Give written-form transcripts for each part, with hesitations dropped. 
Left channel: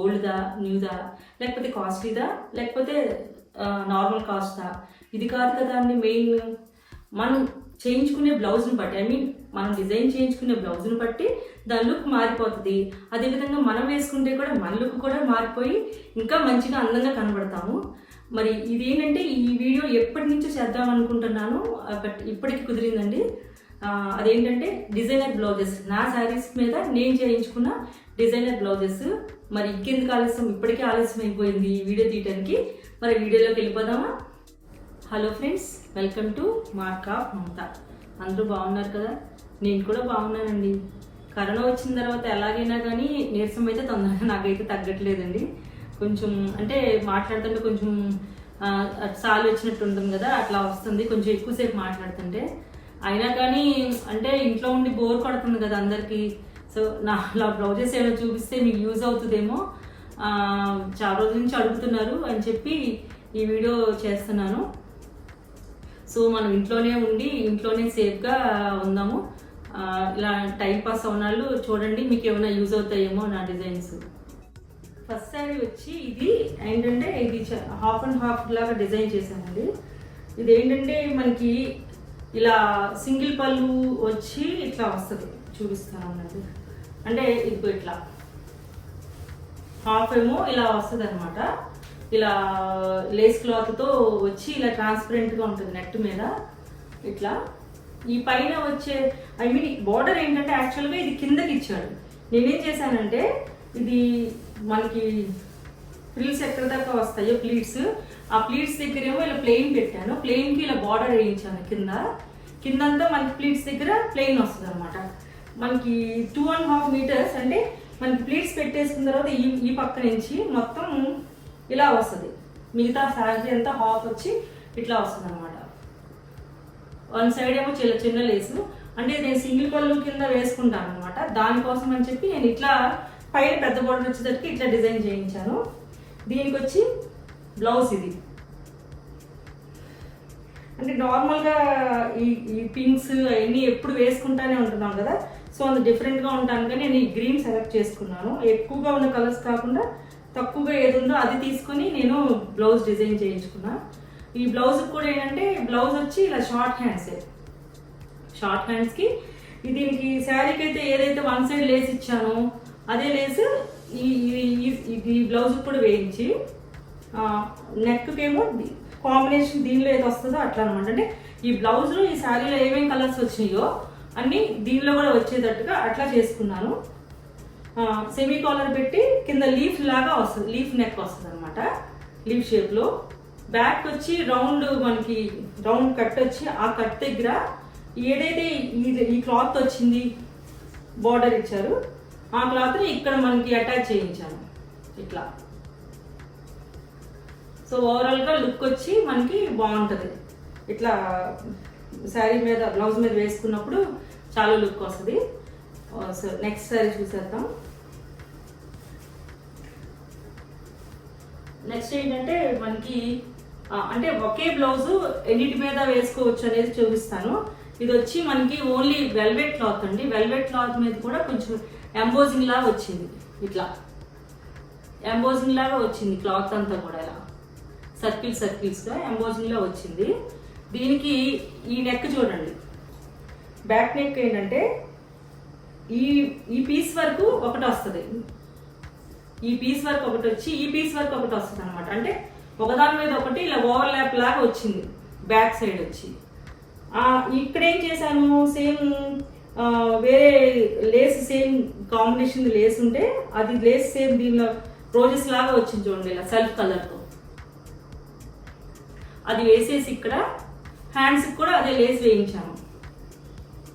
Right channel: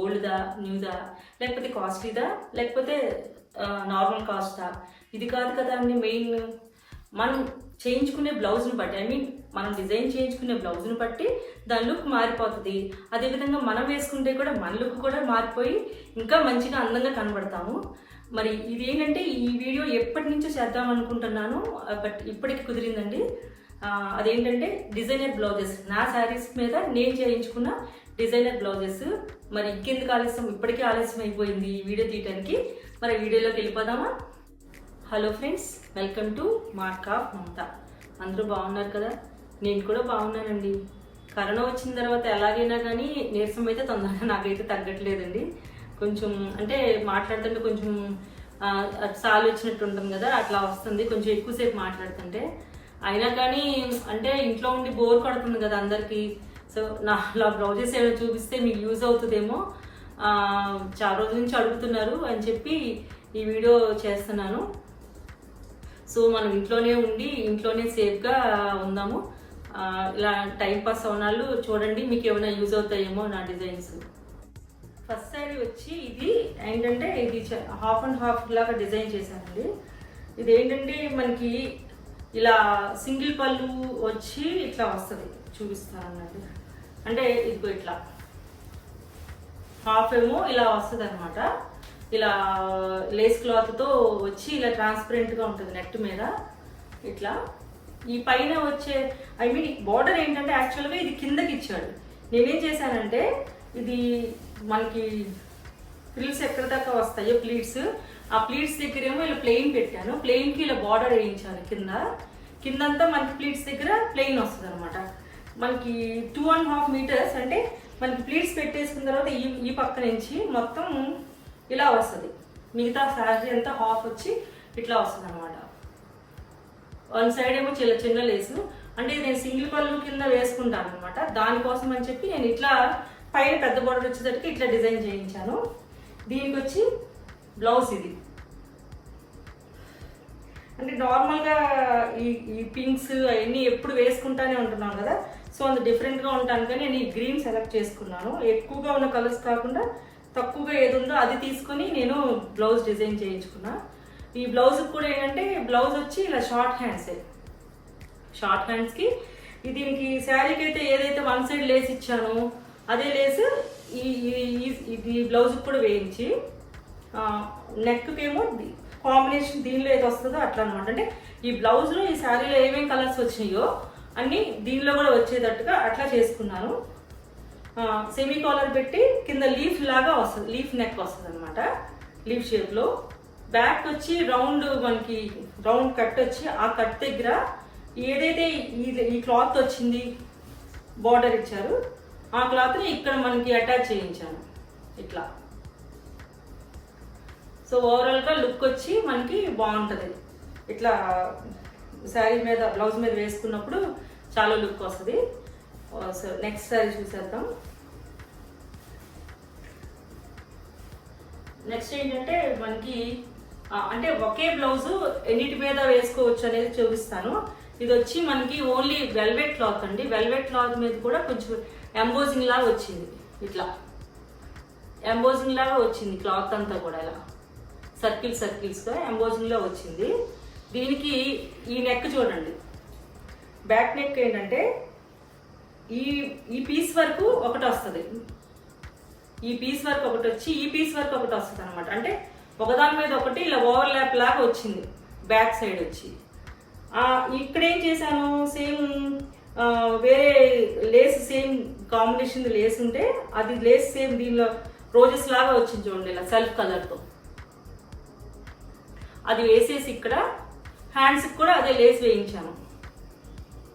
ఓల్డ్దా న్యూదా లేకపోతే కాస్ట్లీదా లేకపోతే నార్మల్ కాస్టా, ఇది కాదు కదా అండి మెయిన్. మనం చేయించుకునే బ్లౌజ్ని బట్టి, ఐ మీన్ మనం డిజైన్ చేయించుకునే బ్లౌజ్ని బట్టి దాని లుక్ మారిపోతుంది. అదేవిధంగా మనం వేసుకుంటే కూడా మన లుక్ కూడా మారిపోయి ఇంకా మంచిగా అందంగా కనబడతాము. మరి ఇది ఏంటంటే ఈ వీడియో ఎప్పటి నుంచో చేద్దాం అనుకుంటున్నాను, బట్ ఇప్పటికి కుదిరిందండి. అదేంటంటే డిజైనర్ బ్లౌజెస్, నా శారీస్ మీద నేను చేయించుకున్న డిజైనర్ బ్లౌజెస్. మరి ఇంకెందుకు ఆలస్యం, ఇప్పటికే ఆలస్యం అయిపోయింది ఈ వీడియో తీయడానికి. మరి వీడియోలోకి వెళ్ళిపోదామా? Hello friends, welcome to mark of Mamata. అందరూ బాగున్నారు కదా? నేను కూడా బాగున్నానండి. కరోనా వచ్చిన తర్వాత ఎలాగైనా కానీ నీరసం అయితే తొందరగా నాకైతే తగ్గట్లేదండి. కొంచెం అంటే మాట్లాడుతుంటే కొంచెం సాలు వచ్చినట్టు ఉంటుంది కదా, అట్లా వస్తుంది కొంచెం ఎక్కువసేపు మాట్లాడుతుంటే. అయినా కానీ అంటే ఇంట్లో ఉండి బోర్ కొడుతుంది కదా అందరికీ. సో నా బ్లౌజెస్ ఏమైనా చూపిస్తే మీకు యూజ్ అవుతుందేమో, చాలా రోజుల నుంచి అడుగుతున్నారు అని చెప్పి ఈ వీడియో చేస్తున్నాను. సో మనం ఇంట్లోనే ఉండి ఇంట్లోనే సేఫ్గా ఉందాము. ఇలా టైంపాస్ అవునాళ్ళు చూడండి, మీకు ఏమైనా యూజ్ అవుతాయేమో నా డిజైన్స్. ఫస్ట్ శారీ వచ్చి ఇది ఏంటంటే ఇది హాఫ్ అండ్ హాఫ్ లాగా డిజైన్ చేశానండి. ఇది ఏంటంటే మనకి ఇలా సింగిల్ పళ్ళు వచ్చి ఇట్లా వస్తుంది, చూపిస్తాను అన్నది. అంటే ఇదిగో ఇట్లా హాఫ్ ఏమో ఇలా వస్తుంది అనమాట. ఇలా లేస్ క్లాత్తో వచ్చి ఇలా ట్రాన్స్పరెంట్గా ఉంటుంది నెట్ మీద ఇట్లా. ఈ పైన వచ్చే ఐ మీన్ బార్డర్ ఏంటంటే యాక్చువల్గా ఇది కిందకి ఇచ్చాడు. నేనేం చేశానంటే ఇది మనకి ఫ్రిల్స్ ఎక్కడ దాకా వస్తాయో ప్లీట్స్, ఆ ప్లీట్స్ దగ్గర ఏమో ఇలా ప్లెయిన్ పెట్టాను. ప్లెయిన్కి ఇలా బార్డర్ వేయించాను కిందంతా మనకి ప్లీట్స్ దగ్గర ప్లెయిన్ వస్తుంది అనమాట. మనకి 2.5 మీటర్స్ అంటే మనకి ప్లీట్స్ పెట్టేసుకున్న తర్వాత ఈ పక్క నుంచి మొత్తం ఇలా వస్తుంది. మిగతా శారీ అంతా హాఫ్ వచ్చి ఇట్లా వస్తుంది అనమాట. వన్ సైడ్ ఏమో చిన్న లేసు, అంటే నేను సింగిల్ పళ్ళు కింద వేసుకుంటాను అనమాట. దానికోసం అని చెప్పి నేను ఇట్లా పైన పెద్ద బోర్డర్ వచ్చేసరికి ఇట్లా డిజైన్ చేయించాను. దీనికి వచ్చి బ్లౌజ్ ఇది. అంటే నార్మల్గా ఈ పింక్స్ అవన్నీ ఎప్పుడు వేసుకుంటానే ఉంటున్నాం కదా, సో అది డిఫరెంట్గా ఉంటాను కానీ నేను ఈ గ్రీన్ సెలెక్ట్ చేసుకున్నాను. ఎక్కువగా ఉన్న కలర్స్ కాకుండా తక్కువగా ఏది ఉందో అది తీసుకొని నేను బ్లౌజ్ డిజైన్ చేయించుకున్నా. ఈ బ్లౌజ్ కూడా ఏంటంటే బ్లౌజ్ వచ్చి ఇలా షార్ట్ హ్యాండ్స్కి దీనికి శారీకి అయితే ఏదైతే వన్ సైడ్ లేస్ ఇచ్చానో అదే లేస్ ఈ బ్లౌజ్ కూడా వేయించి నెక్కి ఏమో కాంబినేషన్ దీనిలో ఏది వస్తుందో అట్లా అనమాట. అంటే ఈ బ్లౌజ్లో ఈ శారీలో ఏమేమి కలర్స్ వచ్చినాయో అన్నీ దీనిలో కూడా వచ్చేటట్టుగా అట్లా చేసుకున్నాను. సెమీ కాలర్ పెట్టి కింద లీఫ్ లాగా వస్తుంది, లీఫ్ నెక్ వస్తుంది అనమాట, లీఫ్ షేప్లో. బ్యాక్ వచ్చి మనకి రౌండ్ కట్ వచ్చి ఆ కట్ దగ్గర ఏదైతే ఈ క్లాత్ వచ్చింది బార్డర్ ఇచ్చారు ఆ క్లాత్ని ఇక్కడ మనకి అటాచ్ చేయించాను ఇట్లా. సో ఓవరాల్గా లుక్ వచ్చి మనకి బాగుంటుంది ఇట్లా శారీ మీద బ్లౌజ్ మీద వేసుకున్నప్పుడు చాలా లుక్ వస్తుంది. సో నెక్స్ట్ శారీ చూసేద్దాం. నెక్స్ట్ ఏంటంటే మనకి అంటే ఒకే బ్లౌజు ఎన్నిటి మీద వేసుకోవచ్చు అనేది చూపిస్తాను. ఇది వచ్చి మనకి ఓన్లీ వెల్వెట్ క్లాత్ అండి. వెల్వెట్ క్లాత్ మీద కూడా కొంచెం ఎంబోజింగ్ లాగా వచ్చింది, ఇట్లా ఎంబోజింగ్ లాగా వచ్చింది క్లాత్ అంతా కూడా ఇలా సర్కిల్స్గా ఎంబోజింగ్ లో వచ్చింది. దీనికి ఈ నెక్ చూడండి, బ్యాక్ నెక్ ఏంటంటే ఈ పీస్ వరకు ఒకటి వస్తుంది, ఈ పీస్ వరకు ఒకటి వచ్చి ఈ పీస్ వరకు ఒకటి వస్తుంది అనమాట. అంటే ఒకదాని మీద ఒకటి ఇలా ఓవర్లాప్ లాగా వచ్చింది బ్యాక్ సైడ్ వచ్చి. ఇక్కడ ఏం చేశాను, సేమ్ వేరే లేస్ సేమ్ కాంబినేషన్ లేస్ ఉంటే అది లేస్ సేమ్ దీనిలో రోజెస్ లాగా వచ్చింది చూడండి ఇలా సెల్ఫ్ కలర్తో. అది వేసేసి ఇక్కడ హ్యాండ్స్కి కూడా అదే లేస్ వేయించాను.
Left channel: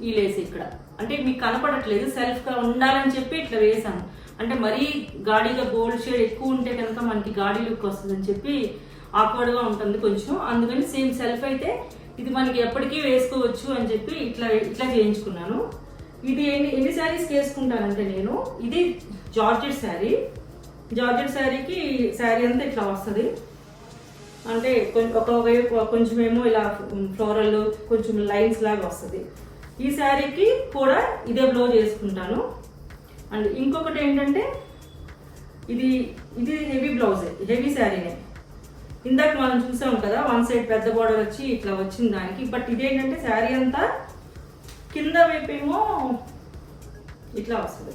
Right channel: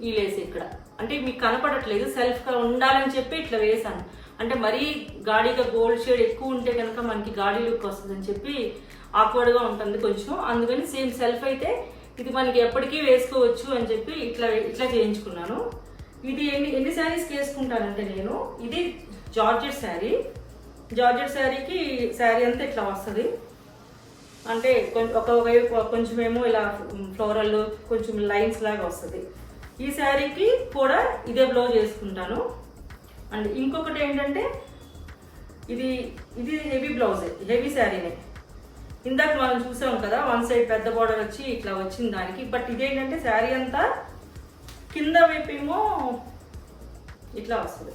ఈ లేస్ ఇక్కడ అంటే మీకు కనపడట్లేదు, సెల్ఫ్గా ఉండాలని చెప్పి ఇట్లా వేసాను. అంటే మరీ గాడిగా గోల్డ్ షేడ్ ఎక్కువ ఉంటే కనుక మనకి గాడి లుక్ వస్తుందని చెప్పి ఆక్వర్డ్గా ఉంటుంది కొంచెం. అందుకని సేమ్ సెల్ఫ్ అయితే ఇది మనకి ఎప్పటికీ వేసుకోవచ్చు అని చెప్పి ఇట్లా చేయించుకున్నాను. ఇది ఎన్ని శారీస్కి వేసుకుంటానంటే నేను, ఇది జార్జెట్ శారీకి శారీ అంతా ఇట్లా వస్తుంది. అంటే కొంచెం ఏమో ఇలా ఫ్లోరల్ కొంచెం లైన్స్ లాగా వస్తుంది. ఈ శారీకి కూడా ఇదే బ్లౌజ్ వేసుకుంటాను. అండ్ ఇంకొకటి ఏంటంటే ఇది ఇది హెవీ బ్లౌజ్, హెవీ శారీనే. ఇందాక మనం చూసాం కదా వన్ సైడ్ పెద్ద బార్డర్ వచ్చి ఇట్లా వచ్చింది దానికి. బట్ ఇదేంటంటే శారీ అంతా కింద వైపు ఏమో ఇట్లా వస్తుంది,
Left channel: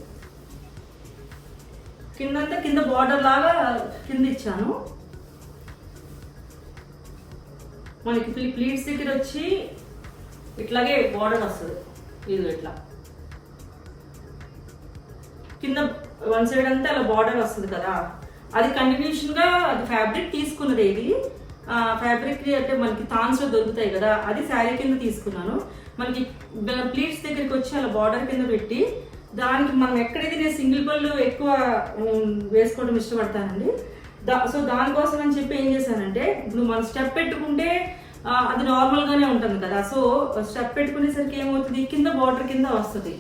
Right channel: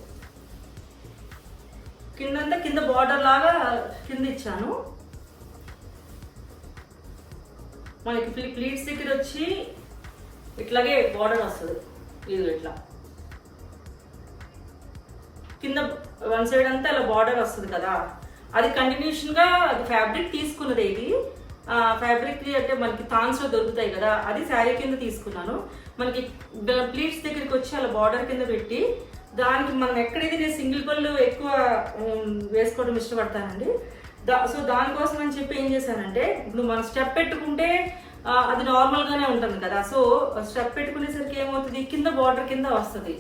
కిందంతా కింద బార్డర్ లాగా కింద ఇచ్చాను. మనకి ప్లీట్స్ దగ్గర వచ్చి ఇట్లాగే బార్డర్ వస్తుంది, ఇది ఇట్లా కింద వన్ సైడ్ అంతా అలా బార్డర్ వస్తుంది కదా. అది కంటిన్యూషన్ గా అది ఫ్యాబ్రిక్ తీసుకున్నది. ఇది ఫ్యాబ్రిక్ అంటే మనకి థాన్స్ లో దొరుకుతాయి కదా, అది శారీ కింద తీసుకున్నాను. మనకి ప్లీట్స్ దగ్గరికి వచ్చి అలా బార్డర్ కింద పెట్టి దానికి మనం ఎక్కడైతే నేను సింగిల్ పళ్ళు ఎక్కువ వేసుకోవడం ఇష్టపడతానండి. సో దానికోసం అని చెప్పి ఏం చేశానంటే, ఇప్పుడు మనం స్టెప్ పెట్టుకుంటే అది నార్మల్ గానే ఉంటుంది కదా. సో స్టెప్ పెట్టుకునేసరికి ఏమవుతుంది, కింద బార్డర్ కింద వస్తుంది.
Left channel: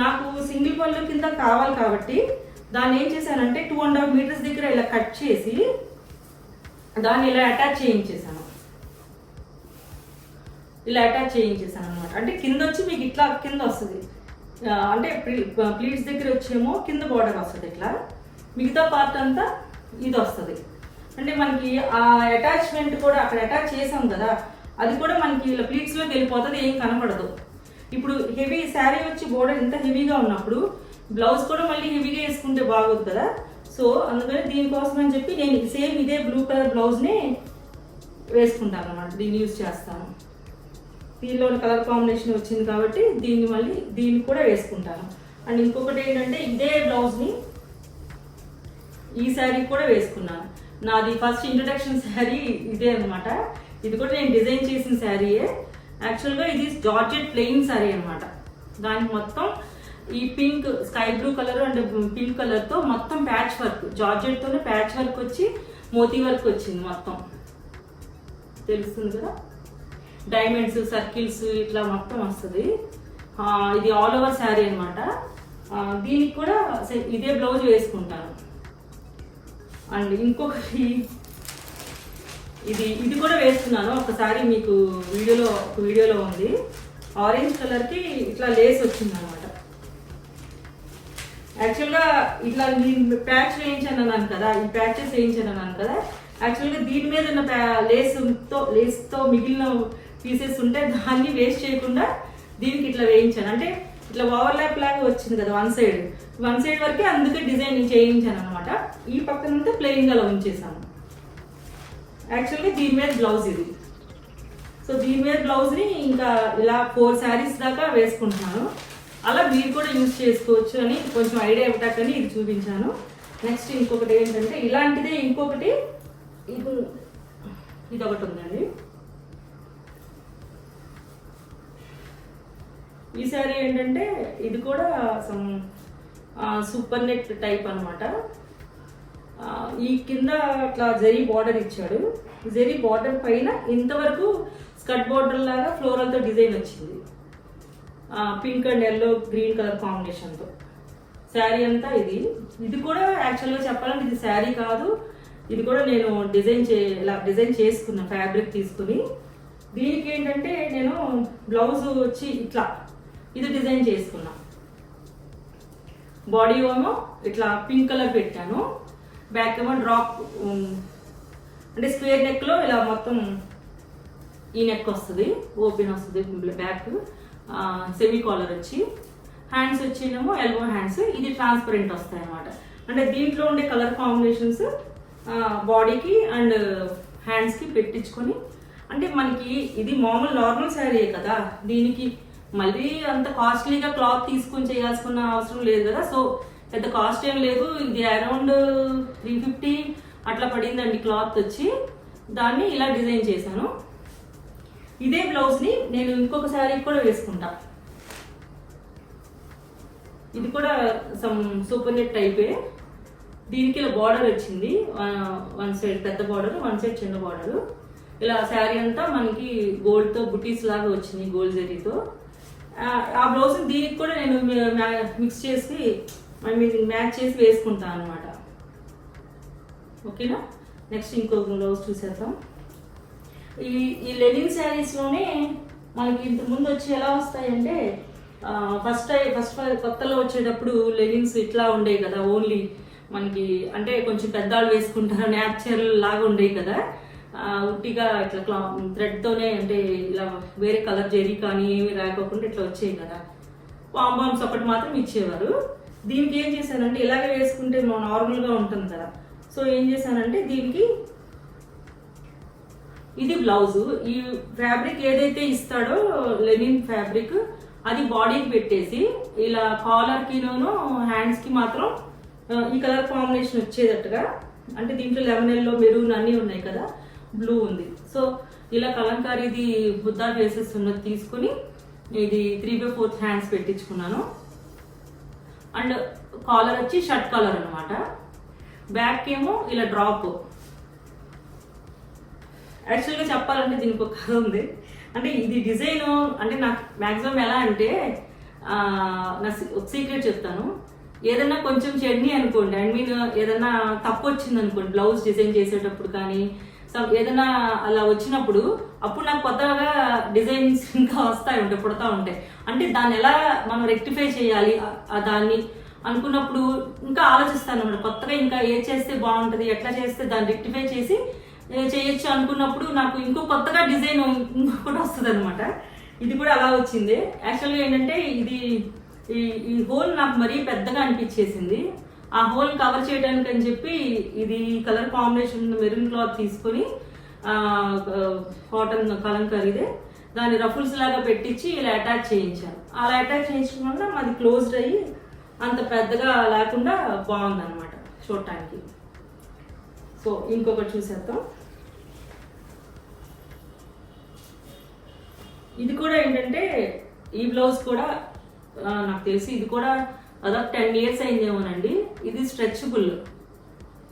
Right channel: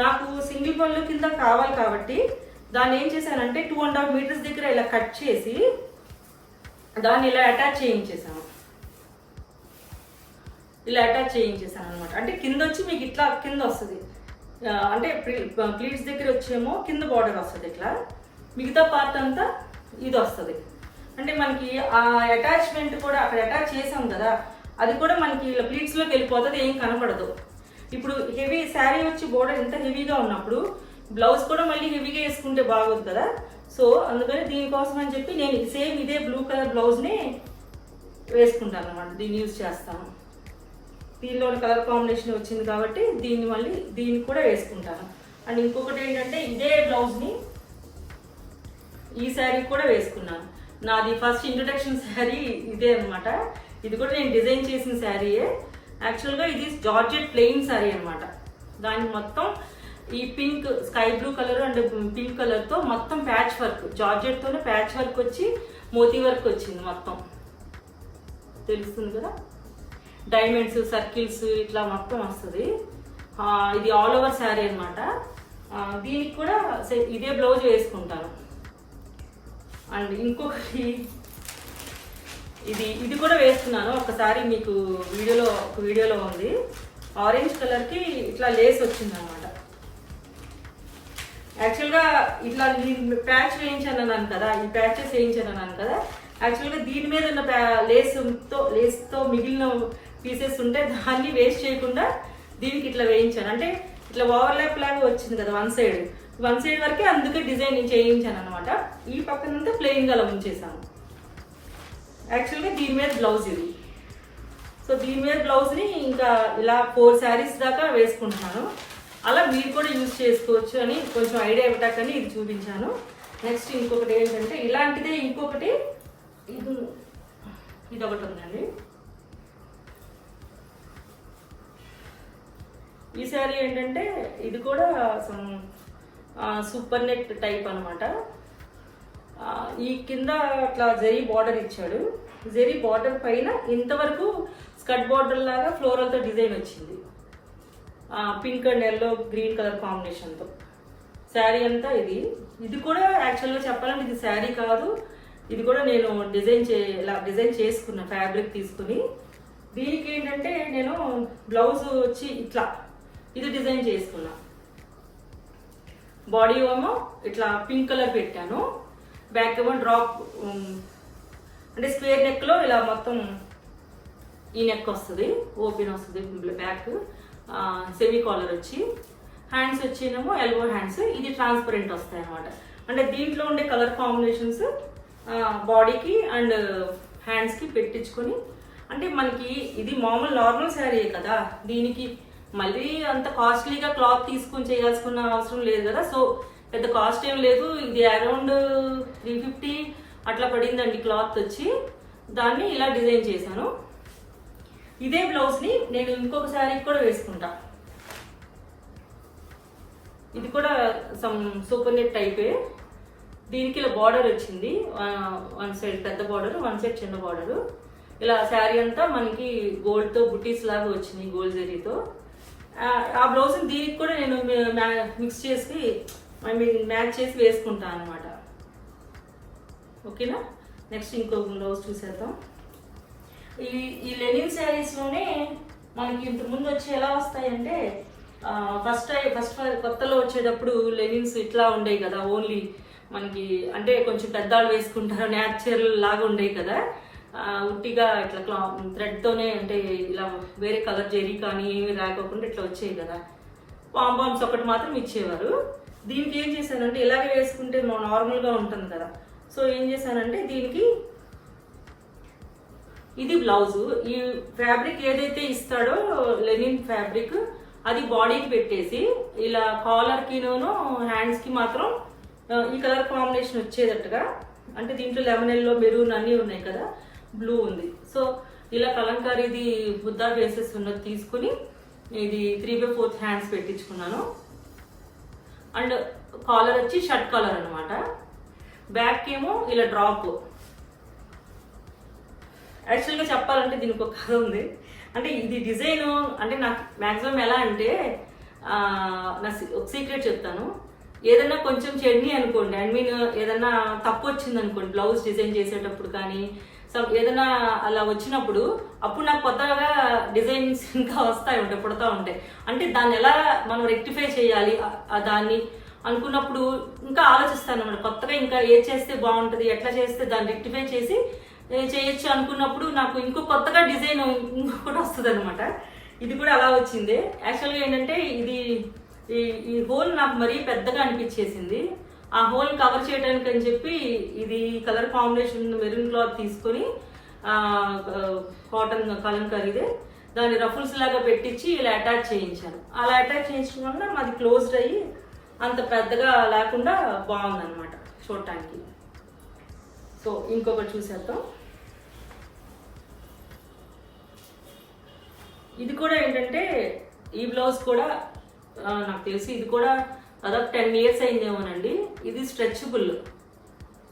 నాకు సింగిల్ పళ్ళు కింద కావాలి కాబట్టి దాన్ని ఏం చేశానంటే 2.5 మీటర్స్ దగ్గర ఇలా కట్ చేసి దాన్ని ఇలా అటాచ్ చేయించేసాను. ఇలా అటాచ్ చేయించేసాను అనమాట. అంటే కింద వచ్చి మీకు ఇట్లా కింద వస్తుంది, అంటే ప్లీట్స్ దగ్గర వచ్చేమో కింద బార్డర్ వస్తుంది ఇట్లా, మిగతా పార్ట్ అంతా ఇది వస్తుంది. అంటే మనకి ఆ అటాచ్మెంట్ కూడా అక్కడ అటాచ్ చేసాం కదా, అది కూడా మనకి ఇలా ప్లీట్స్ లోకి వెళ్ళిపోతుంది, ఏం కనపడదు. ఇప్పుడు హెవీ శారీ వచ్చి బోర్డర్ ఇంత హెవీగా ఉన్నప్పుడు బ్లౌజ్ కూడా మళ్ళీ హెవీగా వేసుకుంటే బాగోదు కదా. సో అందుకని దీనికోసం అని చెప్పి నేను సేమ్ ఇదే బ్లూ కలర్ బ్లౌజ్ని వేసుకుంటాను అన్నమాట, దీన్ని యూజ్ చేస్తాను. దీనిలో కలర్ కాంబినేషన్ వచ్చింది కాబట్టి దీన్ని కూడా వేసుకుంటాను. అండ్ ఇంకొకటి ఏంటంటే ఇదే బ్లౌజ్ని ఈ శారీ కూడా వేసుకున్నాను. నాది ఫస్ట్ ఇంట్రడక్షన్ శారీ ఇదే అనమాట. ఇది కూడా నేను డిజైన్ చేసిన శారీయే. యాక్చువల్గా ఇది జార్జెట్ ప్లెయిన్ శారీ అనమాట. దానికి మొత్తం ఈ pink sky blue colour and pink colour తో మొత్తం ప్యాచ్ వర్క్, జార్జెట్ తోనే ప్యాచ్ వర్క్ వచ్చి మోతీ వర్క్ వచ్చింది మొత్తం, తెలుస్తుంది కదా. డైమండ్స్ సర్కిల్స్ ఇట్లా మొత్తం వస్తుంది. ఇది ఆల్ ఓవర్ శారీ అనమాట. దీనికి కూడా ఇదే బ్లౌజ్ వేసుకుంటాను. అండ్ ఇంకొకటి ఇది కూడా వేస్తున్నాను. ఒకసారి మీకు వీడియోలో ఉంది. ఆరెంజ్ కలర్ కి ఇట్లా లేస్ వచ్చింది అనమాట. యాక్చువల్గా ఇట్లా నేను ప్యాచ్ వేయించాను కదా, ఈ ప్యాచెస్ వేయించాను కదా. యాక్చువల్గా దీని మీద ఉన్న లేస్తో మిగిలిన పీసెస్ ఉంటే దాన్ని వేస్ట్ చేయకుండా దీనికి ఇట్లా వేయించాను. అంటే ఇట్లా ఓవర్లాప్ లాగా వచ్చింది కదా వన్ సైడ్ వరకే, అందుకే డిజైన్ చేయించాను అనమాట. ఈ పక్కనంతా ప్లెయిన్ గా ఉంచేసాను. యాక్చువల్గా దీని మీద బ్లౌజ్ ఇది. సో దీని మీద బ్లౌజ్ని ఇంకా ఇలా 4 శారీస్ దాకా వేసుకుంటున్నాను. అలా మీరు కూడా యూజ్ చేసుకోవచ్చు అని కొంచెం ఐడియా ఇవ్వటాకని ఇది చూపించాను. నెక్స్ట్ ఇంకొకటి ఏంటంటే ఇలాంటిదే ఇంకొకటి ఇది ఒకటి ఉందండి. ఈ శారీ ఏంటంటే ఇది కూడా సూపర్ నెట్ టైప్ అనమాట. ఈ కింద అట్లా జరీ బార్డర్ ఇచ్చాడు. జరీ బార్డర్ పైన ఇంతవరకు స్కర్ట్ బార్డర్ లాగా ఫ్లోరల్తో డిజైన్ వచ్చింది, pink and yellow green colour కాంబినేషన్తో. శారీ అంతా ఇది కూడా యాక్చువల్గా చెప్పాలంటే ఇది శారీ కాదు, ఇది కూడా నేను డిజైన్ చేసుకున్నా ఫ్యాబ్రిక్ తీసుకుని. దీనికి ఏంటంటే నేను బ్లౌజ్ వచ్చి ఇట్లా ఇది డిజైన్ చేసుకున్నా. బాడీ ఏమో ఇట్లా పింక్ కలర్ పెట్టాను, బ్యాక్ ఏమో డ్రాప్ అంటే స్క్వేర్ నెక్ లో ఇలా మొత్తం ఈ నెక్ వస్తుంది, ఓపెన్ వస్తుంది బ్యాక్, సెమీ కాలర్ వచ్చి, హ్యాండ్స్ వచ్చినేమో ఎల్బో హ్యాండ్స్. ఇది ట్రాన్స్పరెంట్ వస్తాయి అనమాట. అంటే దీంట్లో ఉండే కలర్ కాంబినేషన్స్ బాడీకి అండ్ హ్యాండ్స్కి పెట్టించుకొని, అంటే మనకి ఇది మామూలు నార్మల్ శారీయే కదా, దీనికి మళ్ళీ అంత కాస్ట్లీగా క్లాత్ తీసుకొని చేయాల్సిన అవసరం లేదు కదా. సో పెద్ద కాస్ట్ ఏం లేదు, ఇది అరౌండ్ 350 అట్లా పడిందండి క్లాత్ వచ్చి. దాన్ని ఇలా డిజైన్ చేశాను. ఇదే బ్లౌజ్ని నేను ఇంకొక శారీకి కూడా వేసుకుంటా. ఇది కూడా సమ్ సూపర్ నెట్ టైపే. దీనికి ఇలా బార్డర్ వచ్చింది, వన్ సైడ్ పెద్ద బార్డర్, వన్ సైడ్ చిన్న బార్డర్. ఇలా శారీ అంతా మనకి గోల్డ్తో బుటీస్ లాగా వచ్చింది, గోల్డ్ జరీతో. ఆ బ్లౌజ్ దీనికి కూడా నేను మిక్స్ చేసి మ్యాచ్ చేసి వేసుకుంటాను అనమాట. ఓకేనా. నెక్స్ట్ ఇంకొక బ్లౌజ్ చూసేద్దాం. ఈ లెనిన్ శారీస్లోనే మనకి ఇంతకు ముందు వచ్చి ఎలా వస్తాయంటే, ఫస్ట్ కొత్తలో వచ్చేటప్పుడు లెనిన్స్ ఇట్లా ఉండేవి కదా, ఓన్లీ మనకి అంటే కొంచెం పెద్దవాళ్ళు వేసుకుంటారు, న్యాచురల్ లాగా ఉండేవి కదా, ఉట్టిగా ఇట్లా థ్రెడ్తోనే అంటే ఇలా వేరే కలర్ జెరీ కానీ ఏమి రాకోకుండా ఇట్లా వచ్చేవి కదా, పాంపామ్స్ ఒకటి మాత్రం ఇచ్చేవారు. దీనికి ఏం చేశానంటే ఇలాగే వేసుకుంటే నార్మల్గా ఉంటుంది కదా, సో ఏం చేశానంటే దీనికి ఇది బ్లౌజు, ఈ ఫ్యాబ్రిక్ ఏదైతే ఇస్తాడో లెనిన్ ఫ్యాబ్రిక్ అది బాడీకి పెట్టేసి ఇలా కాలర్కిను హ్యాండ్స్కి మాత్రం ఈ కలర్ కాంబినేషన్ వచ్చేటట్టుగా, అంటే దీంట్లో లెమన్ ఎల్లో మెరూన్ అన్నీ ఉన్నాయి కదా, బ్లూ ఉంది, సో ఇలా కలంకారీది బుద్ధా ఫేసెస్ ఉన్నది తీసుకుని ఇది 3/4 హ్యాండ్స్ పెట్టించుకున్నాను. అండ్ కాలర్ వచ్చి షర్ట్ కాలర్ అనమాట. బ్యాక్ ఏమో ఇలా డ్రాప్. యాక్చువల్గా చెప్పాలంటే దీనికి ఒక కథ ఉంది. అంటే ఇది డిజైన్ అంటే నాకు మ్యాక్సిమం ఎలా అంటే నా ఒక సీక్రెట్ చెప్తాను. ఏదన్నా కొంచెం చెడ్ని అనుకోండి, ఐ మీన్ ఏదన్నా తప్పు వచ్చింది అనుకోండి బ్లౌజ్ డిజైన్ చేసేటప్పుడు కానీ ఏదైనా అలా వచ్చినప్పుడు అప్పుడు నాకు కొత్తగా డిజైన్స్ ఇంకా వస్తాయి ఉంటాయి, పుడతా ఉంటాయి. అంటే దాన్ని ఎలా మనం రెక్టిఫై చేయాలి దాన్ని అనుకున్నప్పుడు ఇంకా ఆలోచిస్తాను అన్నమాట. కొత్తగా ఇంకా ఏది చేస్తే బాగుంటుంది, ఎట్లా చేస్తే దాన్ని రెక్టిఫై చేసి చేయొచ్చు అనుకున్నప్పుడు నాకు ఇంకో కొత్తగా డిజైన్ ఇంకొకటి వస్తుంది అనమాట. ఇది కూడా అలా వచ్చింది. యాక్చువల్గా ఏంటంటే ఇది ఈ హోల్ నాకు మరీ పెద్దగా అనిపించేసింది. ఆ హోల్ కవర్ చేయడానికి అని చెప్పి ఇది కలర్ కాంబినేషన్ మెరూన్ క్లాత్ తీసుకొని కాటన్ కలంకారీదే దాన్ని రఫుల్స్ లాగా పెట్టించి ఇలా అటాచ్ చేయించాను. అలా అటాచ్ చేయించడం వల్ల మాది క్లోజ్డ్ అయ్యి అంత పెద్దగా లేకుండా బాగుందన్నమాట చూడటానికి. సో ఇంకొకటి చూసేద్దాం. ఇది కూడా ఏంటంటే ఈ బ్లౌజ్ కూడా నాకు తెలిసి ఇది కూడా అదొక 10 years అయిందేమోనండి. ఇది స్ట్రెచబుల్.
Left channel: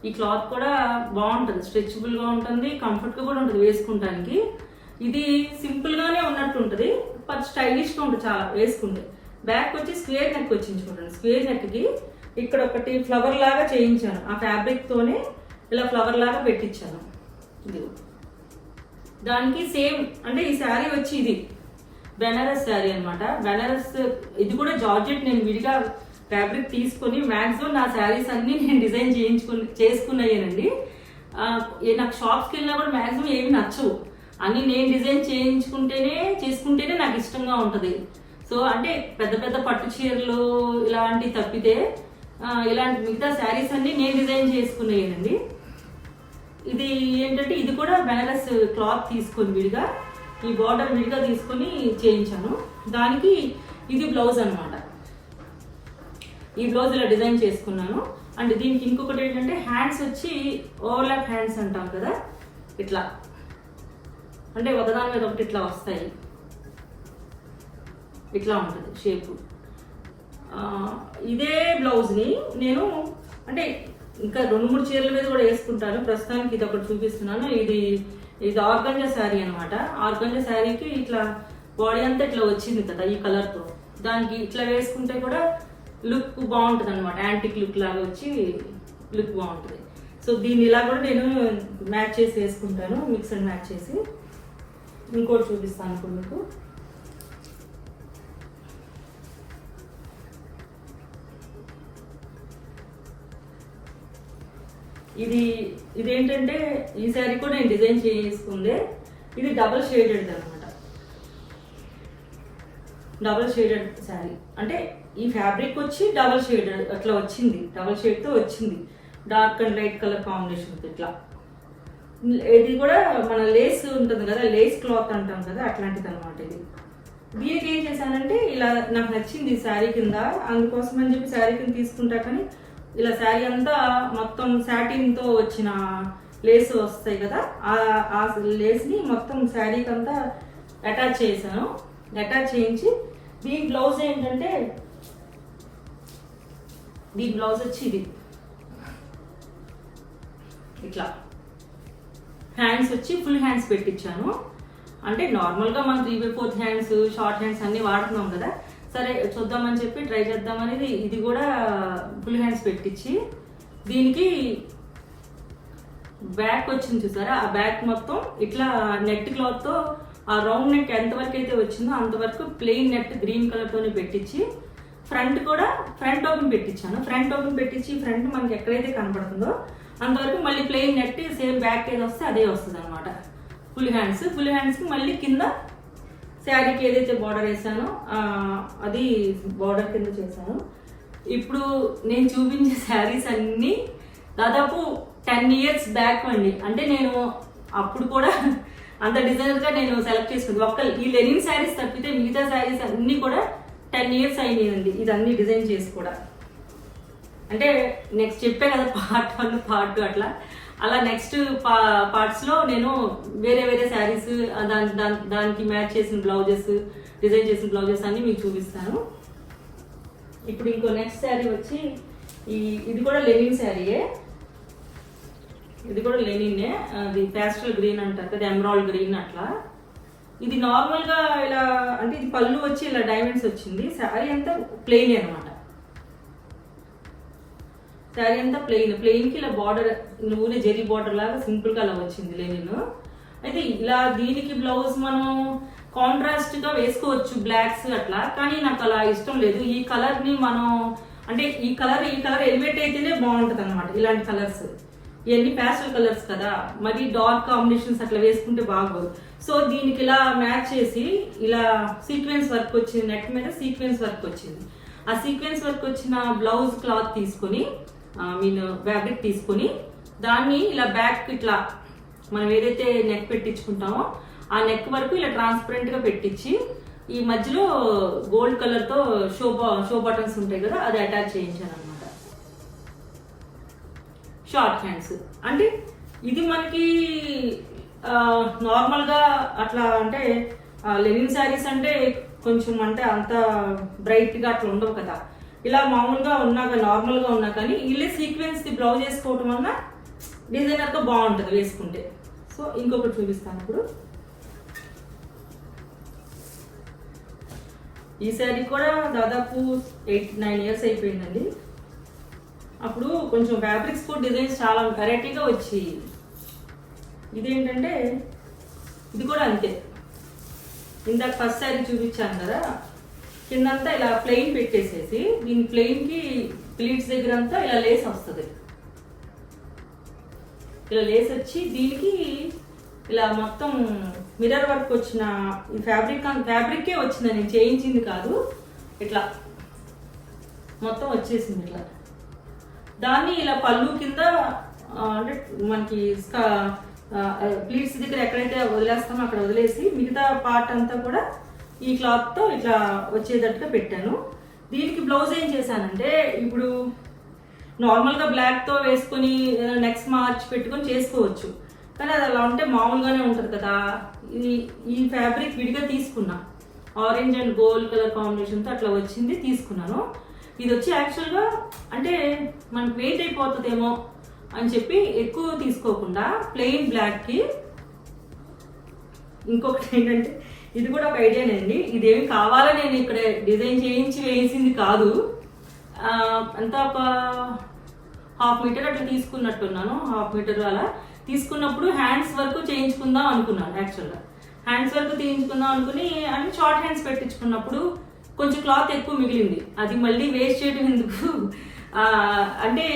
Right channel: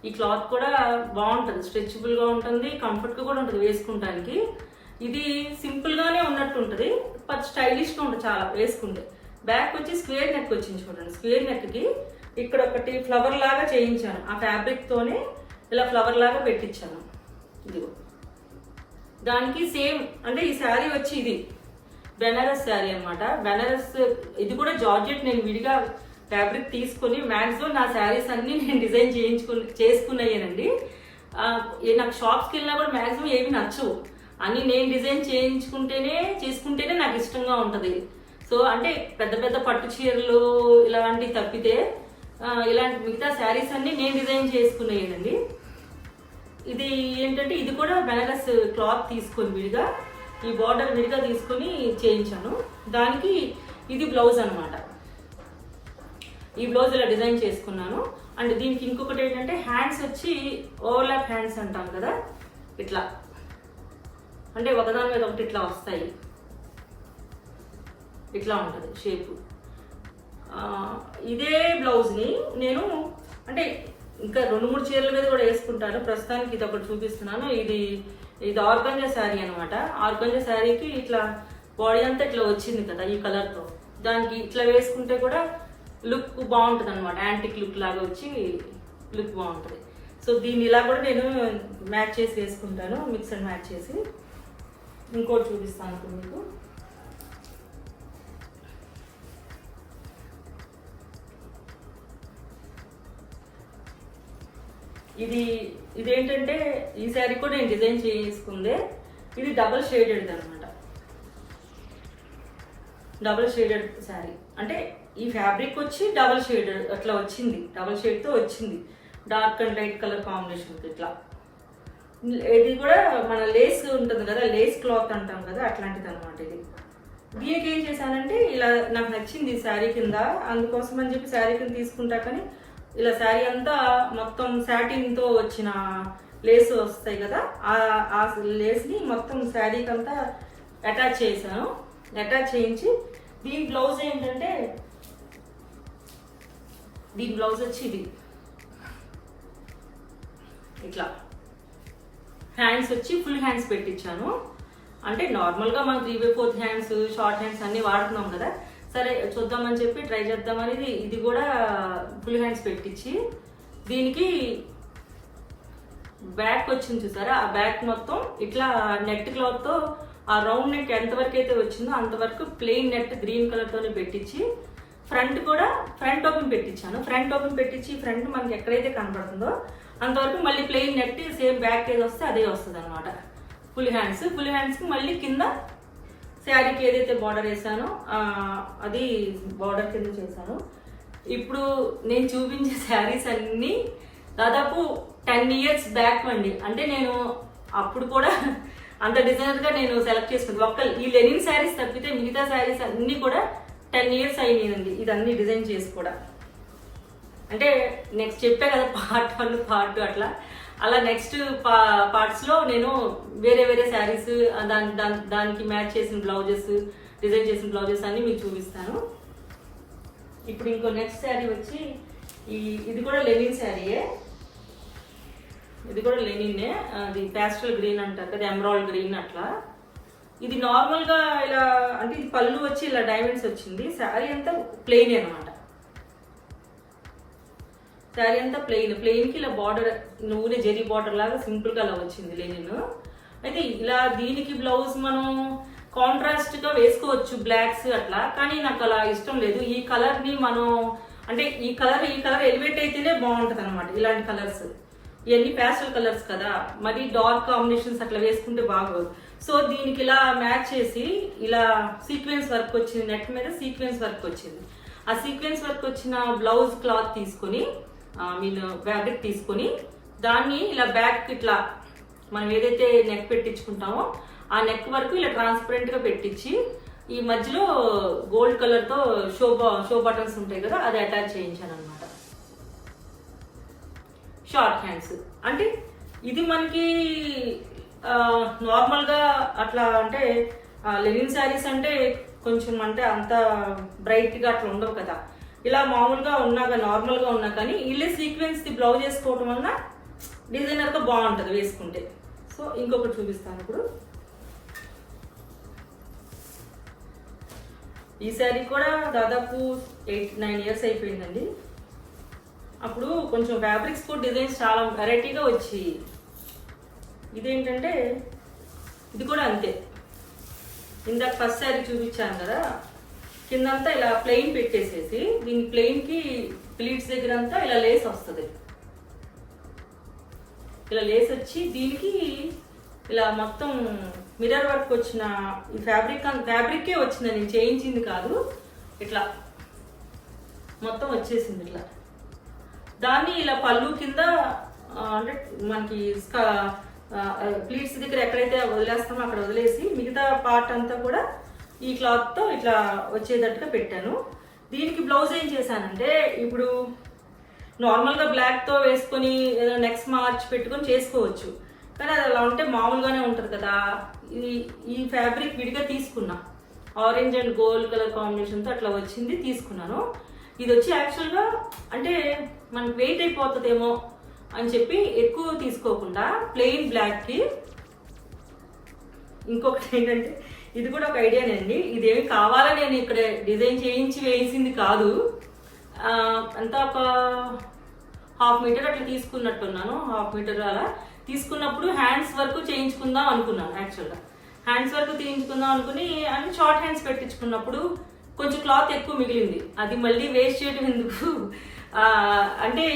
ఈ క్లాత్ కూడా బాగుంటుంది, స్ట్రెచబుల్గా ఉంటుంది, కంఫర్ట్గా కూడా ఉంటుంది వేసుకుంటానికి. ఇది సింపుల్గానే ఉన్నట్టు ఉంటుంది, బట్ స్టైలిష్గా ఉంటుంది చాలా వేసుకుంటే. బ్యాక్ వచ్చి స్క్వేర్ నెక్ వచ్చింది చూడండి. స్క్వేర్ నెక్కి ఇక్కడ ఒకటి ఫ్లవర్ లాగా చేయించాను, ఆ ఫ్యాబ్రిక్తోనే ఇలా ఫ్లవర్ లాగా పెట్టించాను. ఇది దానికి సేమ్ అంటే ఈ శారీ వచ్చి ఇది బెనారస్ శారీ అనమాట. బెనారస్ ఇది కూడా జార్జెట్. నేను విడిగా ఫ్యాబ్రిక్ తీసుకుని మ్యాక్సిమం నా శారీస్ అన్ని నేను డిజైన్ చేసుకున్నాయేనండి. నాకు షాప్స్కి వెళ్ళినా కూడా మ్యాక్సిమం ఏవి నచ్చవు, అన్ని నేను డిజైన్ చేసుకుంటేనే నాకు ఇష్టంగా ఉంటుంది. సో అంటే పెద్ద పెద్ద పట్టు చీరలు ఇలాంటివి తప్పితే ఇలాంటి మిగతా శారీస్ అన్ని నేను డిజైన్ చేసుకున్నాయేనండి. ఇది ఏంటంటే ఇది కూడా బెనారస్ క్లాత్ తీసుకొని విడిగా ఈ బార్డర్ విడిగా తీసుకొని చేయించాను. దానికి ఇది బ్లౌజ్ అనమాట. ఈ బ్లౌజ్ ఇలా డిజైన్ చేసుకున్నాను. అండ్ దీనికి ఇంకొకటి ఏంటంటే హ్యాండ్స్ వచ్చి ఓవర్లాప్ హ్యాండ్స్ అంటాం కదా, ఇట్లా అంటే ఒకదాని మీద ఒకటి ఇట్లా వస్తాయి, ఇట్లా ఉంటుంది షేపు. ఇదే బ్లౌజ్ని నేను అంటే ఇంకా 2-3 చీరల మీద కూడా వేసుకుంటాను. ప్రస్తుతానికి ఇది ఒకటి చూపిస్తున్నాను. ఇది ఆర్గంజా శారీ అనమాట. ఆర్గంజా శారీకి ఇట్లా బాడీ అంతా ఇట్లా వచ్చింది కదా ఈ కలర్తో, దానికి ఇట్లా వేసుకుంటే కూడా లుక్ బాగుంటుంది అనమాట. యాంటిక్ లుక్ లాగా వచ్చి లుక్ బాగుంటుంది. సో దీన్ని ఇలా కూడా నేను మ్యాచ్ చేసి వేసుకుంటాను, మిక్స్ అండ్ మ్యాచ్ చేసి. ఇంకోటి చూపిస్తాను ఇప్పుడు మీకు. ఇదేంటంటే ఈ శారీ కూడా నేను డిజైన్ చేసుకుందే. ఇది డబుల్ షేడెడ్ అనమాట. డబుల్ షేడెడ్ శారీ అంటే ఈ ఫ్యాబ్రిక్ వచ్చి డబుల్ షేడెడ్ అట్లా వచ్చింది, డబుల్ షేడ్తో వచ్చింది, dark and light colour combination ఇట్లా. ఇది కూడా మన లేస్ ఉంటుంది కదా, లేస్ క్లాత్ అంటాం కదా, అట్లాంటిది అనమాట. ఇది దీనికి ఏం చేశానంటే ఇలా నాకు నచ్చింది శారీ కింద, అందుకోసం అని చెప్పి శారీ కింద తీసుకుంటా. కానీ ఇలా శారీ అంతా మొత్తం సాటిన్తో వచ్చిన లేస్ వస్తాయి కదా, ఆ లేస్ని మొత్తం శారీకి అంతా అటాచ్ చేశాను. అటాచ్ చేయించి దీని బ్లౌజ్ ఏంటంటే దీని బ్లౌజ్ వచ్చి ఇది ఇట్లా హ్యాండ్స్ వచ్చి ఫుల్ హ్యాండ్స్ పెట్టించాను. అంటే నార్మల్గా మనం 3/4 హ్యాండ్స్ షార్ట్ హ్యాండ్స్ అన్నీ వాడుతున్నాం కదా, సరే చూద్దామని చెప్పి ట్రై చేద్దామనేది ఇది కూడా ఫుల్ హ్యాండ్స్ పెట్టించి దీనికి బ్యాక్ వచ్చింది చూసారా, ఆ బ్యాక్ మొత్తం ఇట్లా నెట్ క్లాత్తో ఆ రౌండ్ నెక్ ఎంతవరకు అయితే వచ్చిందో అంతవరకు ప్లెయిన్ నెట్ గ్రీన్ కలర్తోనే పెట్టించి ఫ్రంట్ కూడా ఫ్రంట్ ఓపెన్ పెట్టించాను. ఫ్రంట్ ఓపెన్ పెట్టించి ఫ్రంట్ మనకి ఎక్కడైతే కనపడుతుందో అంతవరకు మళ్ళీ ప్లెయిన్ నెట్ సేమ్ బ్యాక్ ఏది వస్తే అదే వస్తుంది అనమాట. ఫుల్ హ్యాండ్స్కి మళ్ళీ కింద శారీకి ఏదైతే బార్డర్ వేసానో అది బార్డర్ కింద చేశాను. ఇప్పుడు నేను చూపించే శారీస్ అన్నీ దాదాపు 10 years బ్యాక్ అండి. అంటే నేను అప్పుడు కూడా అంత డిజైనర్గా నేను సెలెక్ట్ చేసుకుంది. ఈ లెనిన్ శారీస్ తప్పితే మిగతా శారీస్ అన్నీ కూడా 10 years అయినాయండి ఇదన్నీ డిజైన్ చేసి కూడా. అంటే నెక్స్ట్ చెప్పే కదా పార్ట్ 1 పార్ట్ 2 అలా నెక్స్ట్ పార్ట్స్లో నేను వేరే వేరే శారీస్ దానికి మ్యాచ్ చేసిన బ్లౌజెస్, డిజైన్ చేసిన బ్లౌజెస్ అన్ని మీకు చూపిస్తాను. ఇప్పుడు ఇంకో నెక్స్ట్ శారీ వచ్చి ఇది కూడా లెనిన్ శారీయే. ఇది కూడా లెనిన్నే. అది ప్యాస్టల్ గ్రీన్ అంటారు కదా, ఎమరాల్డ్ గ్రీన్ అట్లా. ఇది నార్మల్గా ఇలా అంటే ఇది పళ్ళు వచ్చి ఇలా డైమండ్స్ వచ్చింది. శారీ అంతా ప్లెయిన్ అనమాట. శారీ అంతా ప్లెయిన్కి ఇలా బార్డర్ నూనె జెరీ బార్డర్ లాగా సింపుల్గా అలా వచ్చింది లెనిన్. అయితే ఇలా దీనికి బ్లౌజ్ మనం కాంట్రాస్ట్గా వేసుకోవచ్చు బ్లాక్స్ అట్లా, కానీ నాకు అలా ఇష్టం లేదు. ఈ కలర్ని మనం అంటే ఈ కలర్ ఎలివేట్ అయితేనే బాగుంటుంది అనమాట. ఇలాంటి కలర్స్ ఇవన్నీ ప్యాస్టల్ కలర్స్ కదా, మరి డార్క్ కాంబినేషన్స్ అట్లా వేసుకుంటే బాగోదు. సో దీనికి ఇలా మ్యాచ్ చేసి ఇలా సీక్వెన్స్ వర్క్ వచ్చింది, నెట్ మీద సీక్వెన్స్ వర్క్ వచ్చింది. ఆ సీక్వెన్స్ వర్క్ వచ్చిన బ్లౌజ్ క్లాత్ తీసుకొని ఫ్యాబ్రిక్ తీసుకొని దాన్ని ఇలా బ్యాక్ ఇట్లా మనం ఏదైతే నెక్ పెట్టించుకుంటామో ఆ నెక్ వరకు ఇలా ట్రాన్స్పరెంట్ గా పెట్టించి ఈ మధ్యలో గోల్డ్ కలర్ తో షో బటన్స్ ఉంటాయి కదా, అది అటాచ్ చేయించాను అనమాట. షార్ట్ హ్యాండ్స్ అంటే ఇది మనకి నార్మల్ గా అట్లా అంటే లెనిన్ శారీస్ అంటే కొంచెం అంటే అంత బ్రైట్ గా అట్లా ఉండవు కదా. ఇలా మామూలుగా ఉన్నాక నార్మల్ గా ఉన్నా కానీ ఇల్లే సీక్వెన్స్ ది బ్లౌజ్ వేసుకోవటం వల్ల డిజైనర్ గా బాగుంటుంది వేసుకుంటే. సో ఇంకొకటి చూపిస్తాను ఇప్పుడు. ఈ శారీ కూడా దాదాపు 8-9 years అయిపోయిందండి. అప్పుడు కొంచెం ఫ్యాబ్రిక్స్ కూడా డిజైన్స్ చాలా వెరైటీగా వచ్చి, ఇదేంటంటే ఇది కూడా అంతే. ఇందాక ఫస్ట్ శారీ చూపించాను కదా, కిందంతా ఇలా ప్లెయిన్ పెట్టేసేసి దీని ప్లెయిన్కి ప్లీట్స్ దగ్గర అంతా ఇలా లేస్ వస్తుంది. ఇలా లేస్ వచ్చి దీనికి ఇలా మొత్తం మిర్రర్ వర్క్ వచ్చిన ఈ ఫ్యాబ్రికే వచ్చింది, నేను చేయించింది కాదు. ఇట్లా మొత్తం వచ్చేసింది ఇట్లా. దాన్ని ఇలా పళ్ళు కింద అంటే మనకి ప్లీట్స్ దగ్గర ఎక్కడైతే వదిలేస్తామో అక్కడ వదిలేసి మిగతా పార్ట్ అంతా కూడా ఈ క్లాత్తో ఇట్లా వచ్చేటట్టుగా పెట్టాను. దీనికి బ్లౌజ్ ఏం చేశానంటే ఇప్పుడు నార్మల్గా బ్లాక్తో వేసుకొని నెక్స్ట్ మార్చ్ పెట్టుకొని చేసుకోవచ్చు, కానీ అది అలా ఉంటే మామూలుగానే ఉంటుంది కదా. ఈ ఫ్యాబ్రిక్ విడిగా తీసుకున్నా, ఆరెంజ్ అండ్ గోల్డ్ కలర్ కాంబినేషన్తో అట్లా వచ్చింది తీసుకున్నాను. ఇది వచ్చి యాక్చువల్గా అంటే మనకు వెయిట్ అయిపోతుందేమో అని చెప్పి ఎక్కువ తీసుకోకుండా ప్లెయిన్ బ్లాక్కి. ఇంకొకటి ఏంటంటే ఇది కూడా ఒక ఐడియానండి, ఇదేమి కావాలో నేను ఇక్కడ డిజైన్ చేయించి వేసింది కాదు. అంతా ఒక 1/2 meter అట్లా తీసుకున్నట్టున్నాను. 1/2 meter అలా తీసుకున్నప్పుడు హ్యాండ్స్ వరకు చేయించుకుందాం అనుకున్నాను. యాక్చువల్గా హ్యాండ్స్ వరకు చేయించుకుందాం అనుకుని అన్ని షార్ట్ హ్యాండ్స్ పెట్టించుకున్నప్పుడు కొంచెం క్లాత్ ఎక్కువ మిగిలింది. అది మళ్ళీ వేస్ట్ చేయడం ఎందుకు, అంటే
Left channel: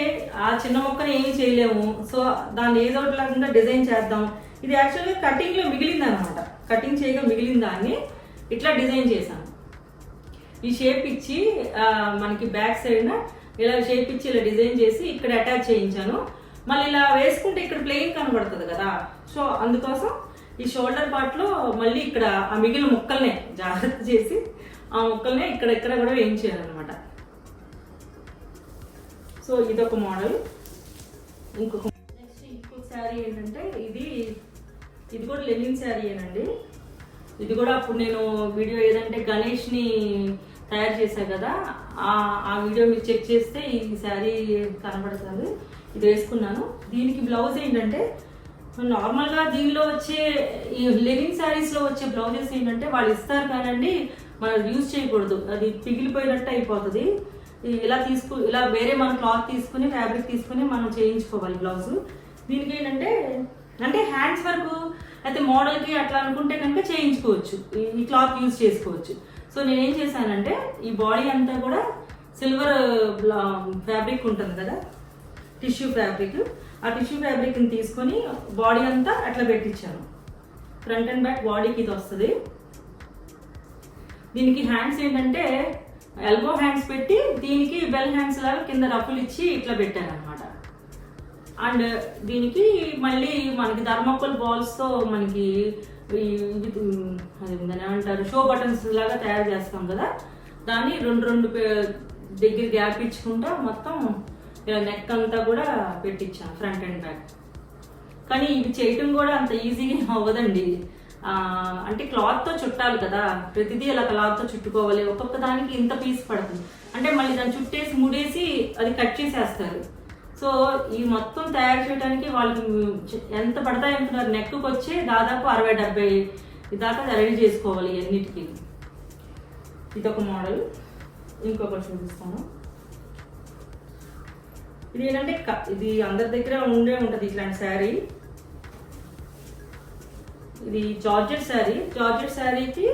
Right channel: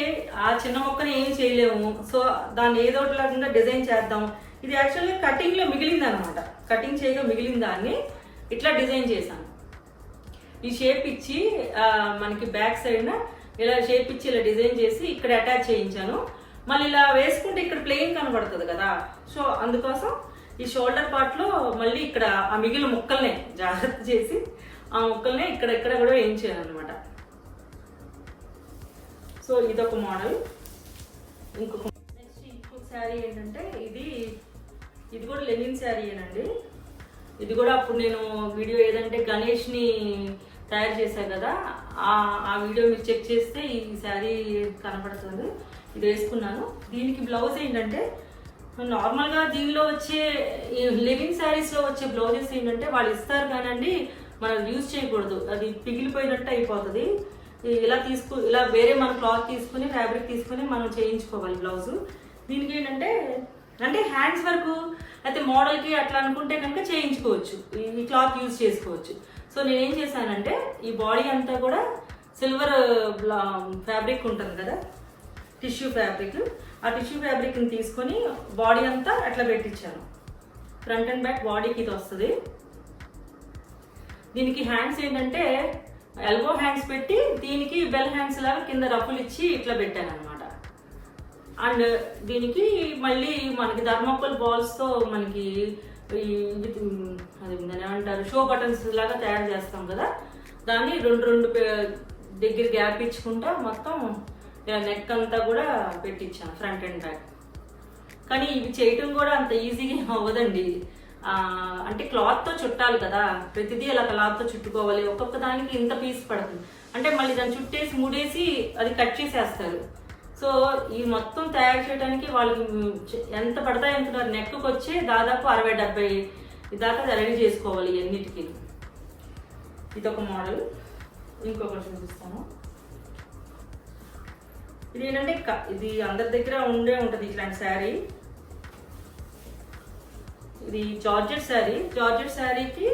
ఆ చిన్న మొక్కని ఏమి చేయలేము. సో దాన్ని ఏదో ఒకటి లేకుండా డిజైన్ చేద్దాం. ఇది యాక్చువల్గా కటింగ్లో మిగిలింది అనమాట. కటింగ్ చేయగా మిగిలిన దాన్ని ఇట్లా డిజైన్ చేశాను. ఈ షేప్ ఇచ్చి మనకి బ్యాక్ సైడ్ ఇలా షేప్ ఇచ్చి ఇలా డిజైన్ చేసి ఇక్కడ అటాచ్ చేయించాను. మళ్ళీ ఇలా వేసుకుంటే ఇక్కడ ప్లెయిన్ కనబడుతుంది కదా, సో అందుకోసం ఈ షోల్డర్ పార్ట్లో మళ్ళీ ఇక్కడ ఆ మిగిలిన ముక్కల్నే జాగ్రత్త చేసి ఆ ముక్కల్నే ఇక్కడ కూడా వేయించాను అనమాట. సో ఇదొక మోడల్. ఇంకొక శారీ ఏంటంటే ఇది కూడా లెనిన్ శారీయేనండి. ఇది కూడా అప్పుడు నేను వీడియో ఏదంటే గణేష్ని తయారు చేశాను కదా, ఆ వీడియో మీరు చెక్ చేస్తే ఈ శారీ కనబడుతుంది. ఇది వేసుకున్నాను. దీనికి బ్లౌజ్ ఏంటంటే నార్మల్గా దీనిలో వచ్చే లెనిన్ శారీస్లో వచ్చే బ్లౌజెస్ ఏంటంటే వాళ్ళు ఇస్తారు కానండి, మనం యూజ్ చేయకూడదు, అది పిగిలిపోయినట్టు అయిపోతుంది. ఇలా వేరే మన క్లాత్ తీసుకుని ఫ్యాబ్రిక్ తీసుకుని మనం చేయించుకోవాలి బ్లౌజ్. దీనికి ఏంటంటే అంటే హ్యాండ్స్ వరకు అయితే మోడల్కి అట్లా అనుకుంటే కనుక చేయించుకోవచ్చు, ఈ క్లాత్ యూజ్ చేసుకోవచ్చు. సో నేనేం చేశానంటే ఈ బాడీ అంతా కూడా సిల్వర్ ఫ్యాబ్రిక్ ఉంటుంది కదా, టిష్యూ ఫ్యాబ్రిక్. ఆ టిష్యూ ఫ్యాబ్రిక్ని తీసుకొని బాడీ అంతా అట్లా పెట్టించాను. ఫ్రంట్ అండ్ బ్యాక్ బాడీకి ఇది వస్తుంది. దీనికి హ్యాండ్స్ ఏంటంటే ఎల్బో హ్యాండ్స్ పెట్టి దీనికి బెల్ హ్యాండ్స్ లాగా కింద రఫులు ఇచ్చి ఇట్లా పెట్టాను అనమాట. అండ్ దీనికి మళ్ళీ మనకి థర్మోకోల్ బాల్స్తో మనకి అది దాన్ని ఏమంటారు, షో బటన్స్ లాగా తయారు చేస్తాం కదా, దాన్ని రెండు దగ్గర గ్యాప్ ఇచ్చుకుంటా మొత్తం ఇలా నెక్ అంతా కూడా పెట్టించాను ఫ్రంట్ అండ్ బ్యాక్. కానీ ఇవి చేయటం కూడా అంత ఈజీగా అవ్వదండి. అంటే క్లాత్తో చుట్టాలి కదా, ప్రతిదీ అలా క్లాత్తో చుట్టుకోవాలి. ఒక్కొక్క దానికి ఇంత పీస్ పడుతుంది అంటే మళ్ళీ దాన్ని చుట్టేసి ముడేసి అది కట్ చేసేస్తారు. సో ఈ మొత్తం తయారు చేయడానికి వాళ్ళకి ఎంత పడతాయి అంటున్నారు, నెక్కి వచ్చి దాదాపు 60-70 దాకా రెడీ చేసుకోవాలి అన్నిటికీ. ఇదొక మోడల్. ఇంకొకటి చూపిస్తాను. ఇది ఏంటంటే ఇది అందరి దగ్గర ఉంటుంది ఇట్లాంటి శారీ. ఇది జార్జెట్ శారీ. జార్జెట్ శారీకి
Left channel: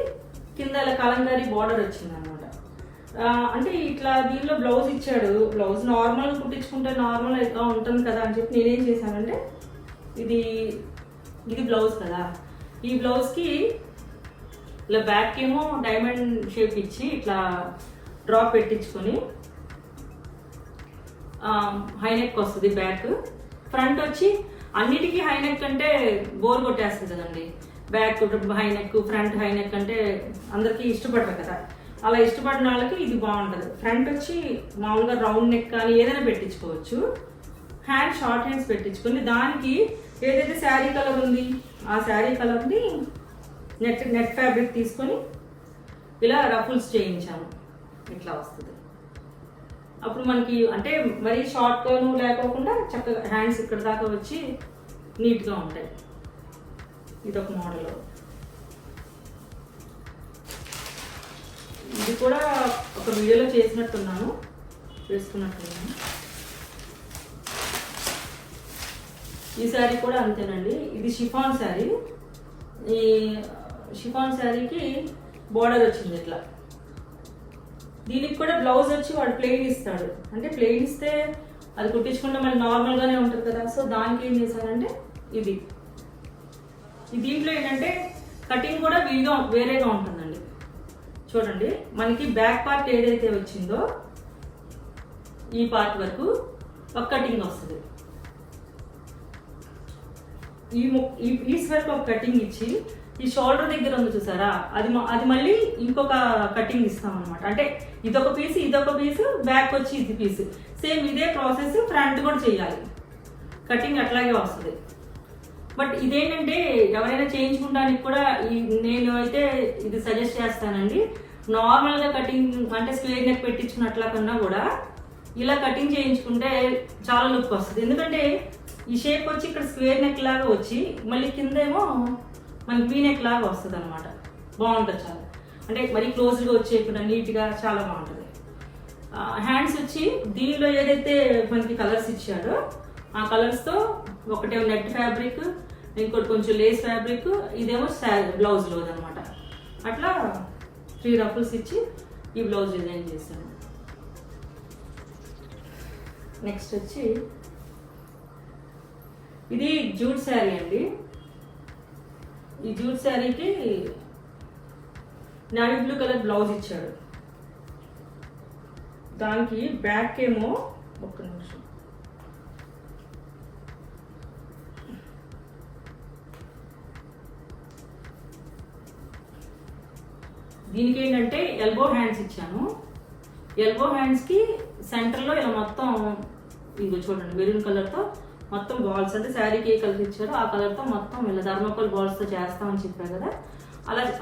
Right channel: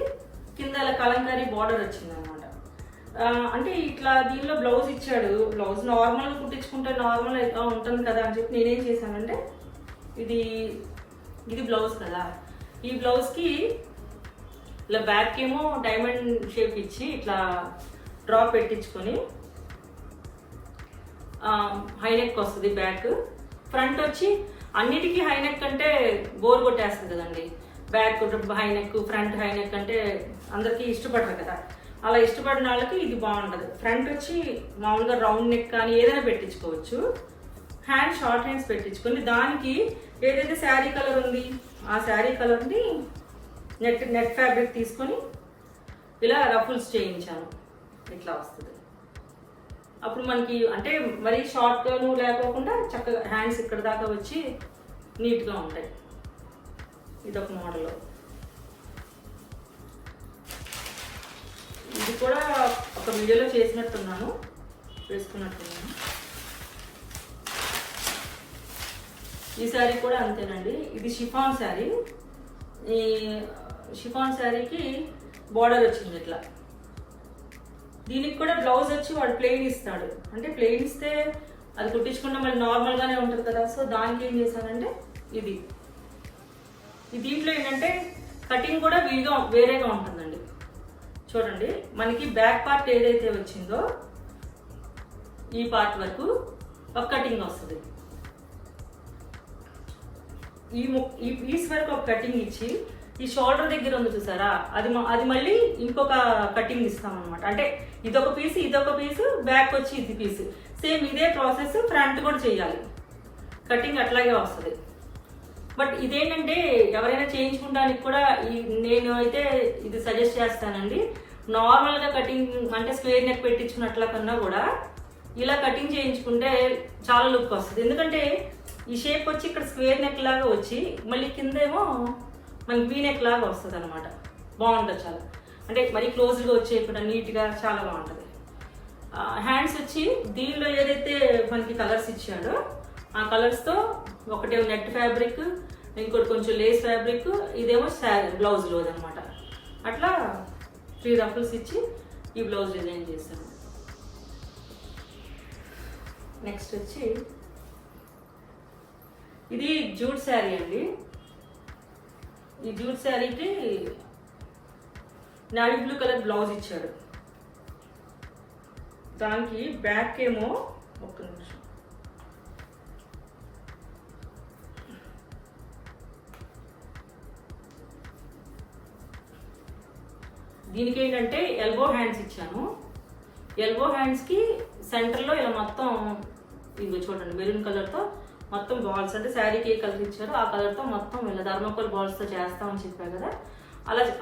కింద ఇలా కలంకారీ బార్డర్ వచ్చింది అనమాట. అంటే ఇట్లా దీనిలో బ్లౌజ్ ఇచ్చాడు. బ్లౌజ్ నార్మల్గా కుట్టించుకుంటే నార్మల్ ఉంటుంది కదా అని చెప్పి నేనేం చేశానంటే ఇది బ్లౌజ్ కదా, ఈ బ్లౌజ్కి ఇలా బ్యాక్ ఏమో డైమండ్ షేప్ ఇచ్చి ఇట్లా డ్రాప్ పెట్టించుకొని హైనెక్ వస్తుంది బ్యాక్. ఫ్రంట్ వచ్చి అన్నిటికీ హైనెక్ అంటే బోర్ కొట్టేస్తుంది కదండి. బ్యాక్ హైనెక్, ఫ్రంట్ హైనెక్ అంటే అందరికీ ఇష్టపడరు కదా. అలా ఇష్టపడిన వాళ్ళకి ఇది బాగుంటుంది. ఫ్రంట్ వచ్చి మామూలుగా రౌండ్ నెక్ కానీ ఏదైనా పెట్టించుకోవచ్చు. హ్యాండ్ షార్ట్ హ్యాండ్స్ పెట్టించుకొని దానికి ఏదైతే శారీ కలర్ ఉంది ఆ శారీ కలర్ని నెట్ ఫ్యాబ్రిక్ తీసుకొని ఇలా రఫుల్స్ చేయించాను. ఇట్లా వస్తుంది. అప్పుడు మనకి అంటే మరీ షార్ట్గాను లేకోకుండా చక్కగా హ్యాండ్స్ ఇక్కడ దాకా వచ్చి నీట్గా ఉంటాయి. ఇదొక మోడల్. ఇది కూడా ఒక వీడియోలో చేసినట్టున్నాను, వేసుకున్నట్టున్నాను. ఈ శారీ కూడా అంతేనండి. ఇది షిఫాన్ శారీ. ఈ షిఫాన్ శారీకి బార్డర్ వచ్చింది ఇట్లా. దీనికి కూడా బ్లౌజ్ వచ్చి వాడు ప్లెయిన్ ఇస్తాడు. అంటే ప్లెయిన్ ఇస్తే అది కుట్టించుకుంటే మళ్ళీ నార్మల్గానే ఉంటుంది కదా. సో దానికి ఏం చేశానంటే ఇది దీంట్లో ఏంటంటే కటింగ్ కూడా వేరేగా ఉంటుందండి. చూడండి, మనకి బ్యాక్ పార్ట్ ఏదైతే వచ్చిందో ఈ పార్ట్ వరకు ఒక కటింగ్ వస్తుంది. ఈ పీస్ వరకు ఒక కటింగ్ ఇచ్చి ఈ షోల్డర్ దగ్గర ఉంది చూసారా, అది మళ్ళీ ఇంకొక కటింగ్ ఇస్తాం అనమాట. అంటే ఇదొక పీస్, ఇదొక పీస్, బ్యాక్ వచ్చి ఇది పీస్. సేమ్ ఇదే ప్రాసెస్ ఫ్రంట్ కూడా చేయాలి. కటింగ్ అట్లాగే వస్తుంది. బట్ ఇదేంటంటే ఎవరైనా చేయించుకోవడానికి కూడా నేను అయితే ఇది సజెస్ట్ చేస్తానండి. నార్మల్గా కటింగ్ అంటే స్క్వేర్ నెక్ పెట్టించుకున్నట్ల కన్నా కూడా ఇలా కటింగ్ చేయించుకుంటే చాలా లుక్ వస్తుంది. ఎందుకంటే ఈ షేప్ వచ్చి ఇక్కడ స్క్వేర్ నెక్ లాగా వచ్చి మళ్ళీ కిందేమో మనకి వీ నెక్ లాగా వస్తుంది అనమాట. బాగుంటుంది చాలా. అంటే మరీ క్లోజ్గా వచ్చేయకుండా నీట్గా చాలా బాగుంటుంది. హ్యాండ్స్ వచ్చి దీనిలో ఏదైతే మనకి కలర్స్ ఇచ్చాడో ఆ కలర్స్తో ఒకటేమో నెట్ ఫ్యాబ్రిక్, ఇంకోటి కొంచెం లేస్ ఫ్యాబ్రిక్, ఇదేమో బ్లౌజ్లో అనమాట. అట్లా 3 రఫుల్స్ ఇచ్చి ఈ బ్లౌజ్ డిజైన్ చేశాను. నెక్స్ట్ వచ్చి ఇది జూట్ శారీ అండి. ఈ జూట్ శారీకి నావీ బ్లూ కలర్ బ్లౌజ్ ఇచ్చాడు. దానికి బ్యాక్ ఏమో ఒక్క నిమిషం, దీనికి ఏంటంటే ఎల్బో హ్యాండ్స్ ఇచ్చాను. ఎల్బో హ్యాండ్స్కి సెంటర్లో ఇలా మొత్తం ఇది చూడండి మెరూన్ కలర్తో మొత్తం బాల్స్, అంటే శారీకి ఏ కలర్ ఇచ్చారో ఆ కలర్తో మొత్తం ఇలా థర్మోకోల్ బాల్స్తో చేస్తామని చెప్పాను కదా,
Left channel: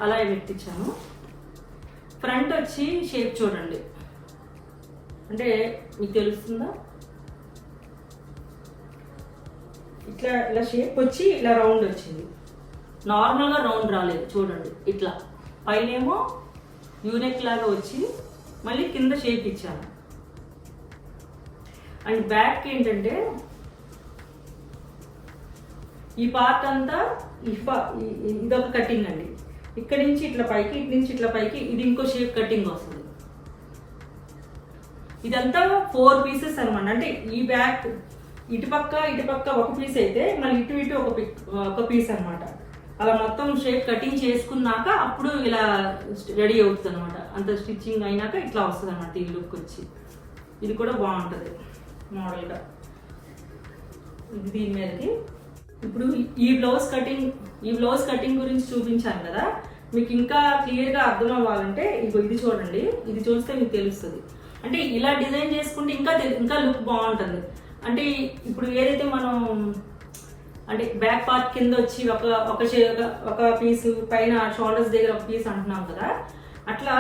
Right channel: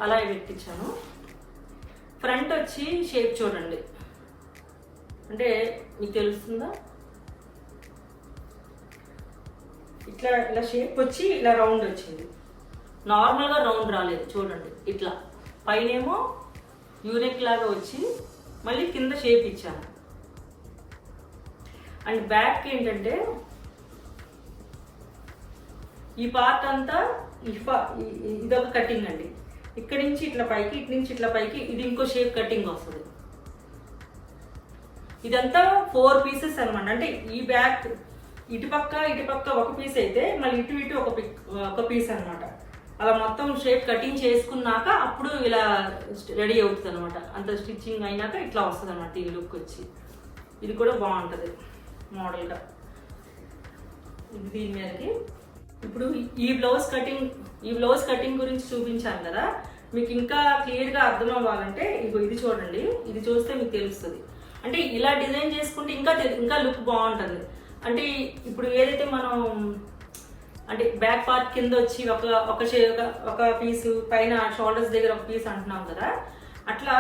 అలా పెట్టించాను. ఫ్రంట్ వచ్చి షేప్ చూడండి, అంటే మీకు తెలుస్తుందా, ఇలా షేప్ వచ్చి ఇలా రౌండ్ వచ్చింది. నార్మల్గా రౌండ్ రాలేదు చూడండి. ఇట్లా పైనేమో యూనెక్ లాగా వచ్చి మళ్ళీ కింద షేప్ ఇచ్చాను. అండ్ బ్యాక్ ఏంటంటే ఈ పార్ట్ అంతా ఇదొక కటింగ్ అండి. ఇక్కడి నుంచి ఇట్లా పైకి, ఇటు నుంచి ఇట్లా పైకి, ఇది ఇంకో షేప్ కటింగ్ వస్తుంది. ఇదంతా 4 పీసెస్ అనమాట. అంటే ఈ బ్యాక్ ఇటుపక్క ఒక పీస్ అయితే మళ్ళీ ఇటు ఒక పీస్ అనమాట. అలా మొత్తం షేప్ కటింగ్ చేసుకున్నాక అప్పుడు ఇలా రెడీ అవుతుంది అనమాట. అంత స్టిచ్చింగ్ అయినాక ఇట్లా వస్తుంది అనమాట ఈ లుక్ వచ్చి. ఇది కూడా బాగుంటుంది మోడల్గా. ఇది దీని మీదకి ఇప్పుడు ఈ బ్లౌజ్ కటింగ్ గురించి చూపించాను కదా. మీకు ఇంకా క్లియర్గా అర్థం అవ్వాలంటే ఇది చూడండి. ఇది చూస్తే మీకు తెలుస్తుంది. అంటే ఇలా డిజైన్ చేసుకుంటే ఇంకా లుక్ బాగుంటుంది. అంటే ఇప్పుడు ఏదైతే మనం అంటే బ్యాక్ పార్ట్ కింద వచ్చి ఒక పీసు పైన షోల్డర్స్ దగ్గర ఒక పీస్ అంటున్నాం కదా, అట్లా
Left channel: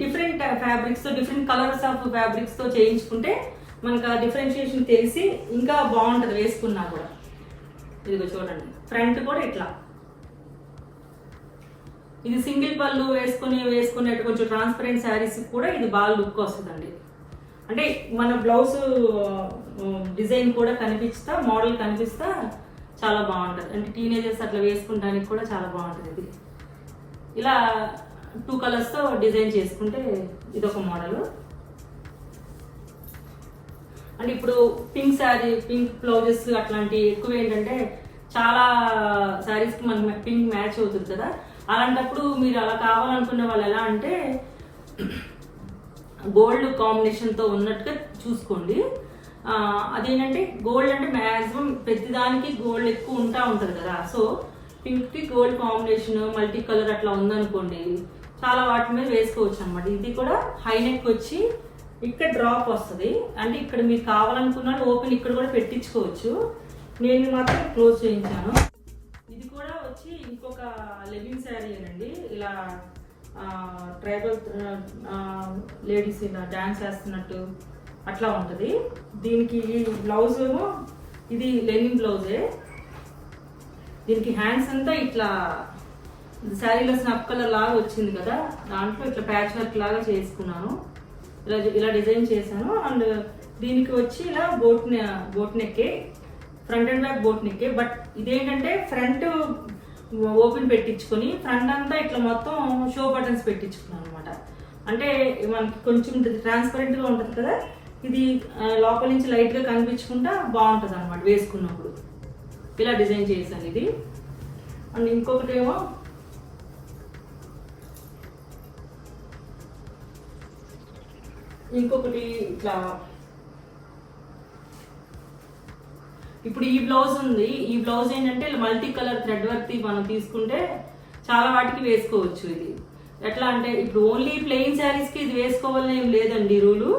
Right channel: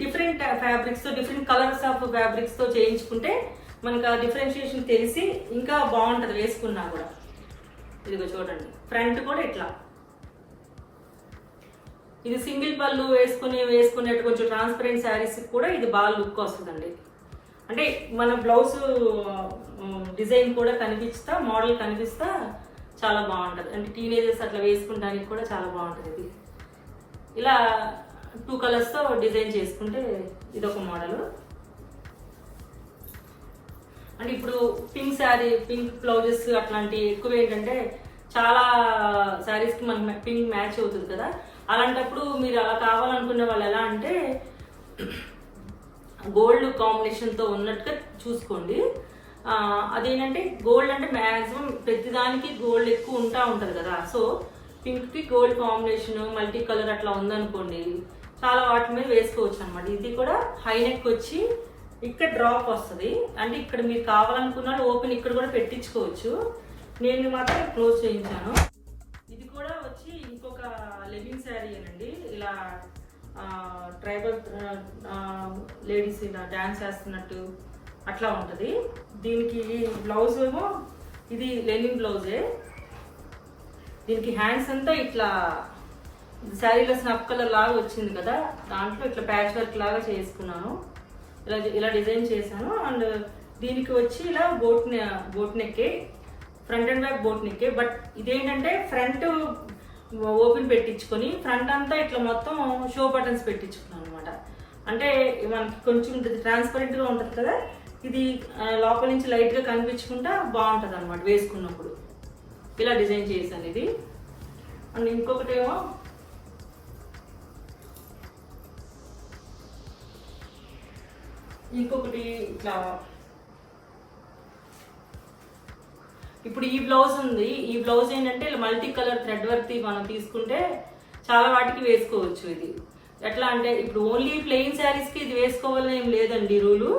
డిఫరెంట్ ఫ్యాబ్రిక్స్తో డిఫరెంట్ కలర్స్ ఆఫ్ ఫ్యాబ్రిక్స్తో చేయించుకుంటే మనకు ఆ డిఫరెన్షియేషన్ తెలిసి ఇంకా బాగుంటుంది వేసుకున్నా కూడా. ఇదిగో చూడండి, ఫ్రంట్ కూడా ఇట్లా. ఇది సింగిల్ పళ్ళు వేసుకునేట్టు కొంచెం ట్రాన్స్పరెంట్ శారీస్ కూడా ఇది బాగా లుక్ వస్తుందండి. అంటే మన బ్లౌజ్ డిజైన్ కూడా మోడల్ కనిపిస్తా చాలా బాగుంటుంది. అంటే టీనేజర్స్ అట్లా వేసుకుంటానికి కూడా చాలా బాగుంటుంది. ఇది ఇలా 2 కలర్స్తో డిజైన్ చేసుకుంటే ఇదొక మోడల్. అంటే ఇప్పుడు పింక్ బ్లౌజెస్ అట్లాంటి ఎక్కువ ఏంటంటే చాలా శారీస్కి మనకి పింక్ మ్యాచ్ అవుతుంది కదా. అలాంటప్పుడు మీరు అలా కావాలనుకునే వాళ్ళు ఎలా అంటే గోల్డ్ కాంబినేషన్తో ఉన్నట్టుగా చూసుకోండి. అదేంటంటే గోల్డ్ అంటే మ్యాక్సిమం ప్రతిదానికి గోల్డ్ ఎక్కువ ఉంటుంది కదా. సో పింక్కి గోల్డ్ కాంబినేషన్ మల్టీ కలర్ అట్లా ఉందనుకోండి, చాలా వాటి మీద వేసుకోవచ్చు అనమాట. ఇది కూడా హై నెక్ వచ్చి ఇక్కడ డ్రాప్ వస్తుంది. అంటే ఇక్కడ మీరు కావాలనుకున్నాడు ఓపెన్ ఇక్కడ కూడా పెట్టించుకోవచ్చు. నేను మాత్రం క్లోజ్ చేయించాను. ఇది కూడా వచ్చి ఇంకొక లెగిన్ శారీ అనండి. ఇలా ట్రైబల్ లేడీస్ ఇలా డాన్స్ చేస్తున్నట్టు అట్లా ఉంటుంది. దీనికి బ్లౌజ్ ఏమో ఇది లెనిన్ బ్లౌజే. దీనికి హ్యాండ్స్ అంతా ఇట్లా శారీలో స్నప్ కలర్ లాగా వచ్చింది కదా, దాంట్లో ఇట్లా ప్యాచ్ వర్క్ లాగా చేసుకున్నాను. ఇలా డిజైన్ చేశాను. అండ్ దీనికి వచ్చి ఇలా బోట్ నెక్కే, ఫ్రంట్ అండ్ బ్యాక్ బోట్ నెక్కే. బట్ ఇదేంటంటే ఫ్రంట్ ఓపెన్ పెట్టించుకొని ఫ్రంట్ అంతా ఇట్లా మొత్తం షో బటన్స్ పెట్టించుకున్నాను అనమాట. అంటే మనకి కొంచెం ట్రాన్స్పరెంట్గా ఉంటుంది కదా, ఇది లోపల నుంచి లైట్గా కనిపించకుండా బాగుంటుంది అనమాట వేసుకున్నప్పుడు. ఇలా డిజైన్ చేశాను ఇది. అండ్ ఇంకొకటి ఏమో ఇట్లా ఇప్పుడు ఈ బ్లౌజ్ ఉంది. ఈ బ్లౌజ్ ఏంటంటే మల్టీ కలర్ థ్రెడ్ వర్క్ మనం తీసుకుంటే చాలా వాటికి వేసుకోవచ్చు. ఇది ఎట్లా అంటే ఇప్పుడు ఓన్లీ ప్లెయిన్ శారీస్కి ఇది వేసుకోవాలని ఏం లేదండి రూలు.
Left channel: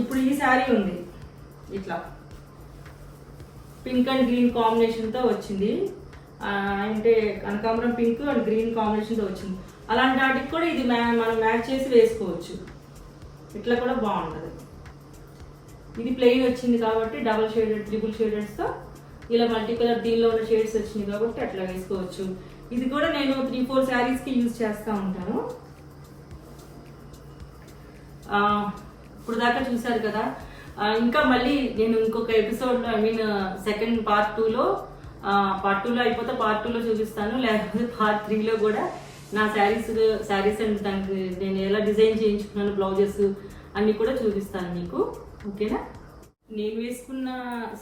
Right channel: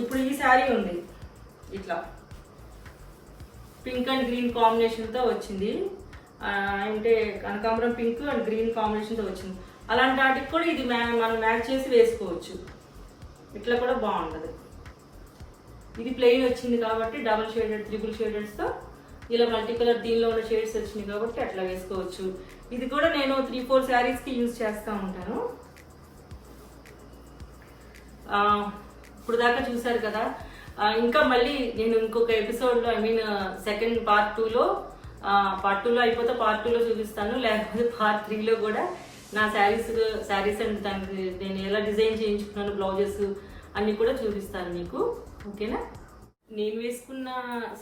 ఇప్పుడు ఈ శారీ ఉంది ఇట్లా పింక్ అండ్ గ్రీన్ కాంబినేషన్తో వచ్చింది. అంటే కనకాంబరం పింక్ అండ్ గ్రీన్ కాంబినేషన్తో వచ్చింది. అలాంటి వాటికి కూడా ఇది మనం మ్యాచ్ చేసి వేసుకోవచ్చు. ఇట్లా కూడా బాగుంటుంది. ఇది ప్లెయిన్ వచ్చింది కాబట్టి డబుల్ షేడెడ్ ట్రిపుల్ షేడెడ్స్తో ఇలా మల్టీ కలర్ దీనిలో ఉన్న షేడ్స్ వచ్చినాయి కాబట్టి అట్లా వేసుకోవచ్చు. ఇది కూడా నేను 3-4 శారీస్కి యూజ్ చేస్తూ ఉంటాను. ఇప్పుడు దాకా చూసారు కదా. ఇంకా మళ్ళీ నేను ఇంకొక ఎపిసోడ్లో సెకండ్ పార్ట్ 2లో అయిపోతే పార్ట్ 2లో చూపిస్తాను. లేకపోతే పార్ట్ 3లో కూడా నా శారీస్ అండ్ దానికి నేను ఎలా డిజైన్ చేయించుకున్నాను బ్లౌజెస్ అన్నీ కూడా చూపిస్తాను మీకు. ఓకేనా? నేను వేసుకున్న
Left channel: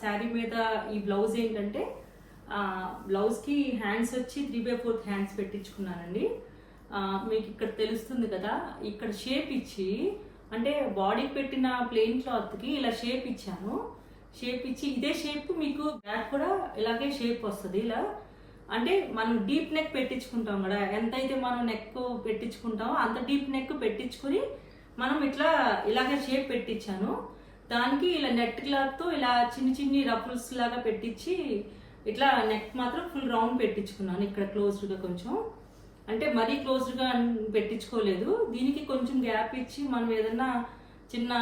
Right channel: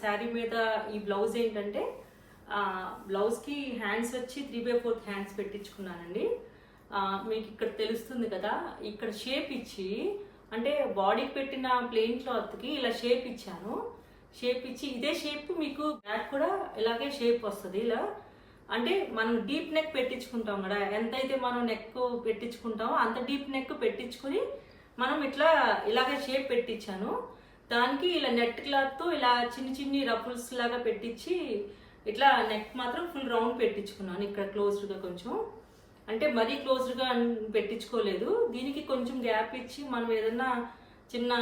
శారీ మీద ఈ బ్లౌజ్ ఏంటంటే బ్లౌజ్కి హ్యాండ్స్ వచ్చి 3/4 హ్యాండ్స్ పెట్టించుకున్నానండి. మీకు ఇక్కడ తెలుస్తుంది కదా, ఇక్కడ షేప్ ఇచ్చి అంటే బాడీకి పెట్టిన ప్లెయిన్ క్లాత్కి ఇలా షేప్ ఇచ్చాను. షేప్ ఇచ్చి ఇదే షేప్ మీకు బ్యాక్ కూడా ఇలాగే షేప్ వస్తుంది. ఇలా అంటే మనం డీప్ నెక్ పెట్టించుకుంటాం కదా, ఎంతైతే మనం నెక్ పెట్టించుకుంటామో అంత డీప్ నెక్ పెట్టించుకుని మనం ఇలాగే షేప్ పెట్టించాను. దానికి ఇలా నెట్ క్లాత్తో ఇలా చిన్ని రఫుల్స్ లాగా పెట్టించి ఇట్లా నెక్ మాత్రం ఫుల్ రౌండ్ పెట్టించుకున్నాను. ఇక్కడ క్లోజ్డ్గా కొంచెం అంటే మరీ క్లోజ్డ్గా పెట్టించుకోలేదు. దీనికి కొంచెం గ్యాప్ ఇచ్చి మనం ఏదన్నా చిన్న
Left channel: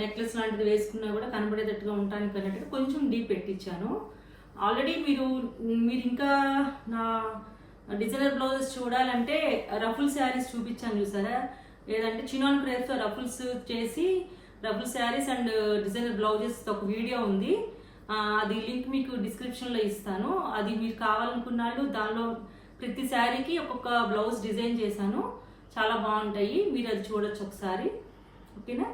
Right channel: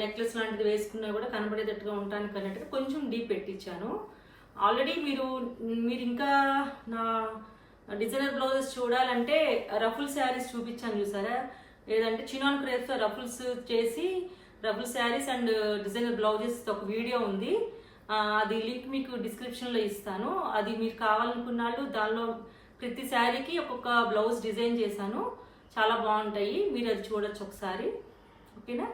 నెక్లెస్ లాంటిది వేసుకున్నా కూడా కనబడేటట్టుగా ఉండడానికి అన్నట్టుగా కొంచెం డీప్ పెట్టించాను. ఆల్రెడీ మీరు ఇంకా నా డిజైనర్ బ్లౌజెస్ చూడాలంటే రఫుల్ శారీస్ చూపించాను చూసారా, లేదంటే చినాన్ క్రేప్తో రఫుల్స్ చేసి ruffle saris and designer blouses ఒక వీడియో ఉంది. అది లింక్ మీకు డిస్క్రిప్షన్లో ఇస్తాను. అది మీరు కావాలనుకున్నాళ్ళు దానిలో ప్రతి శారీకి ఒక్కొక్క బ్లౌజ్ డిజైన్ చేశాను. చాలా బాగుంటాయి, మీరు అది చూడొచ్చు ఒకసారి. ఓకేనా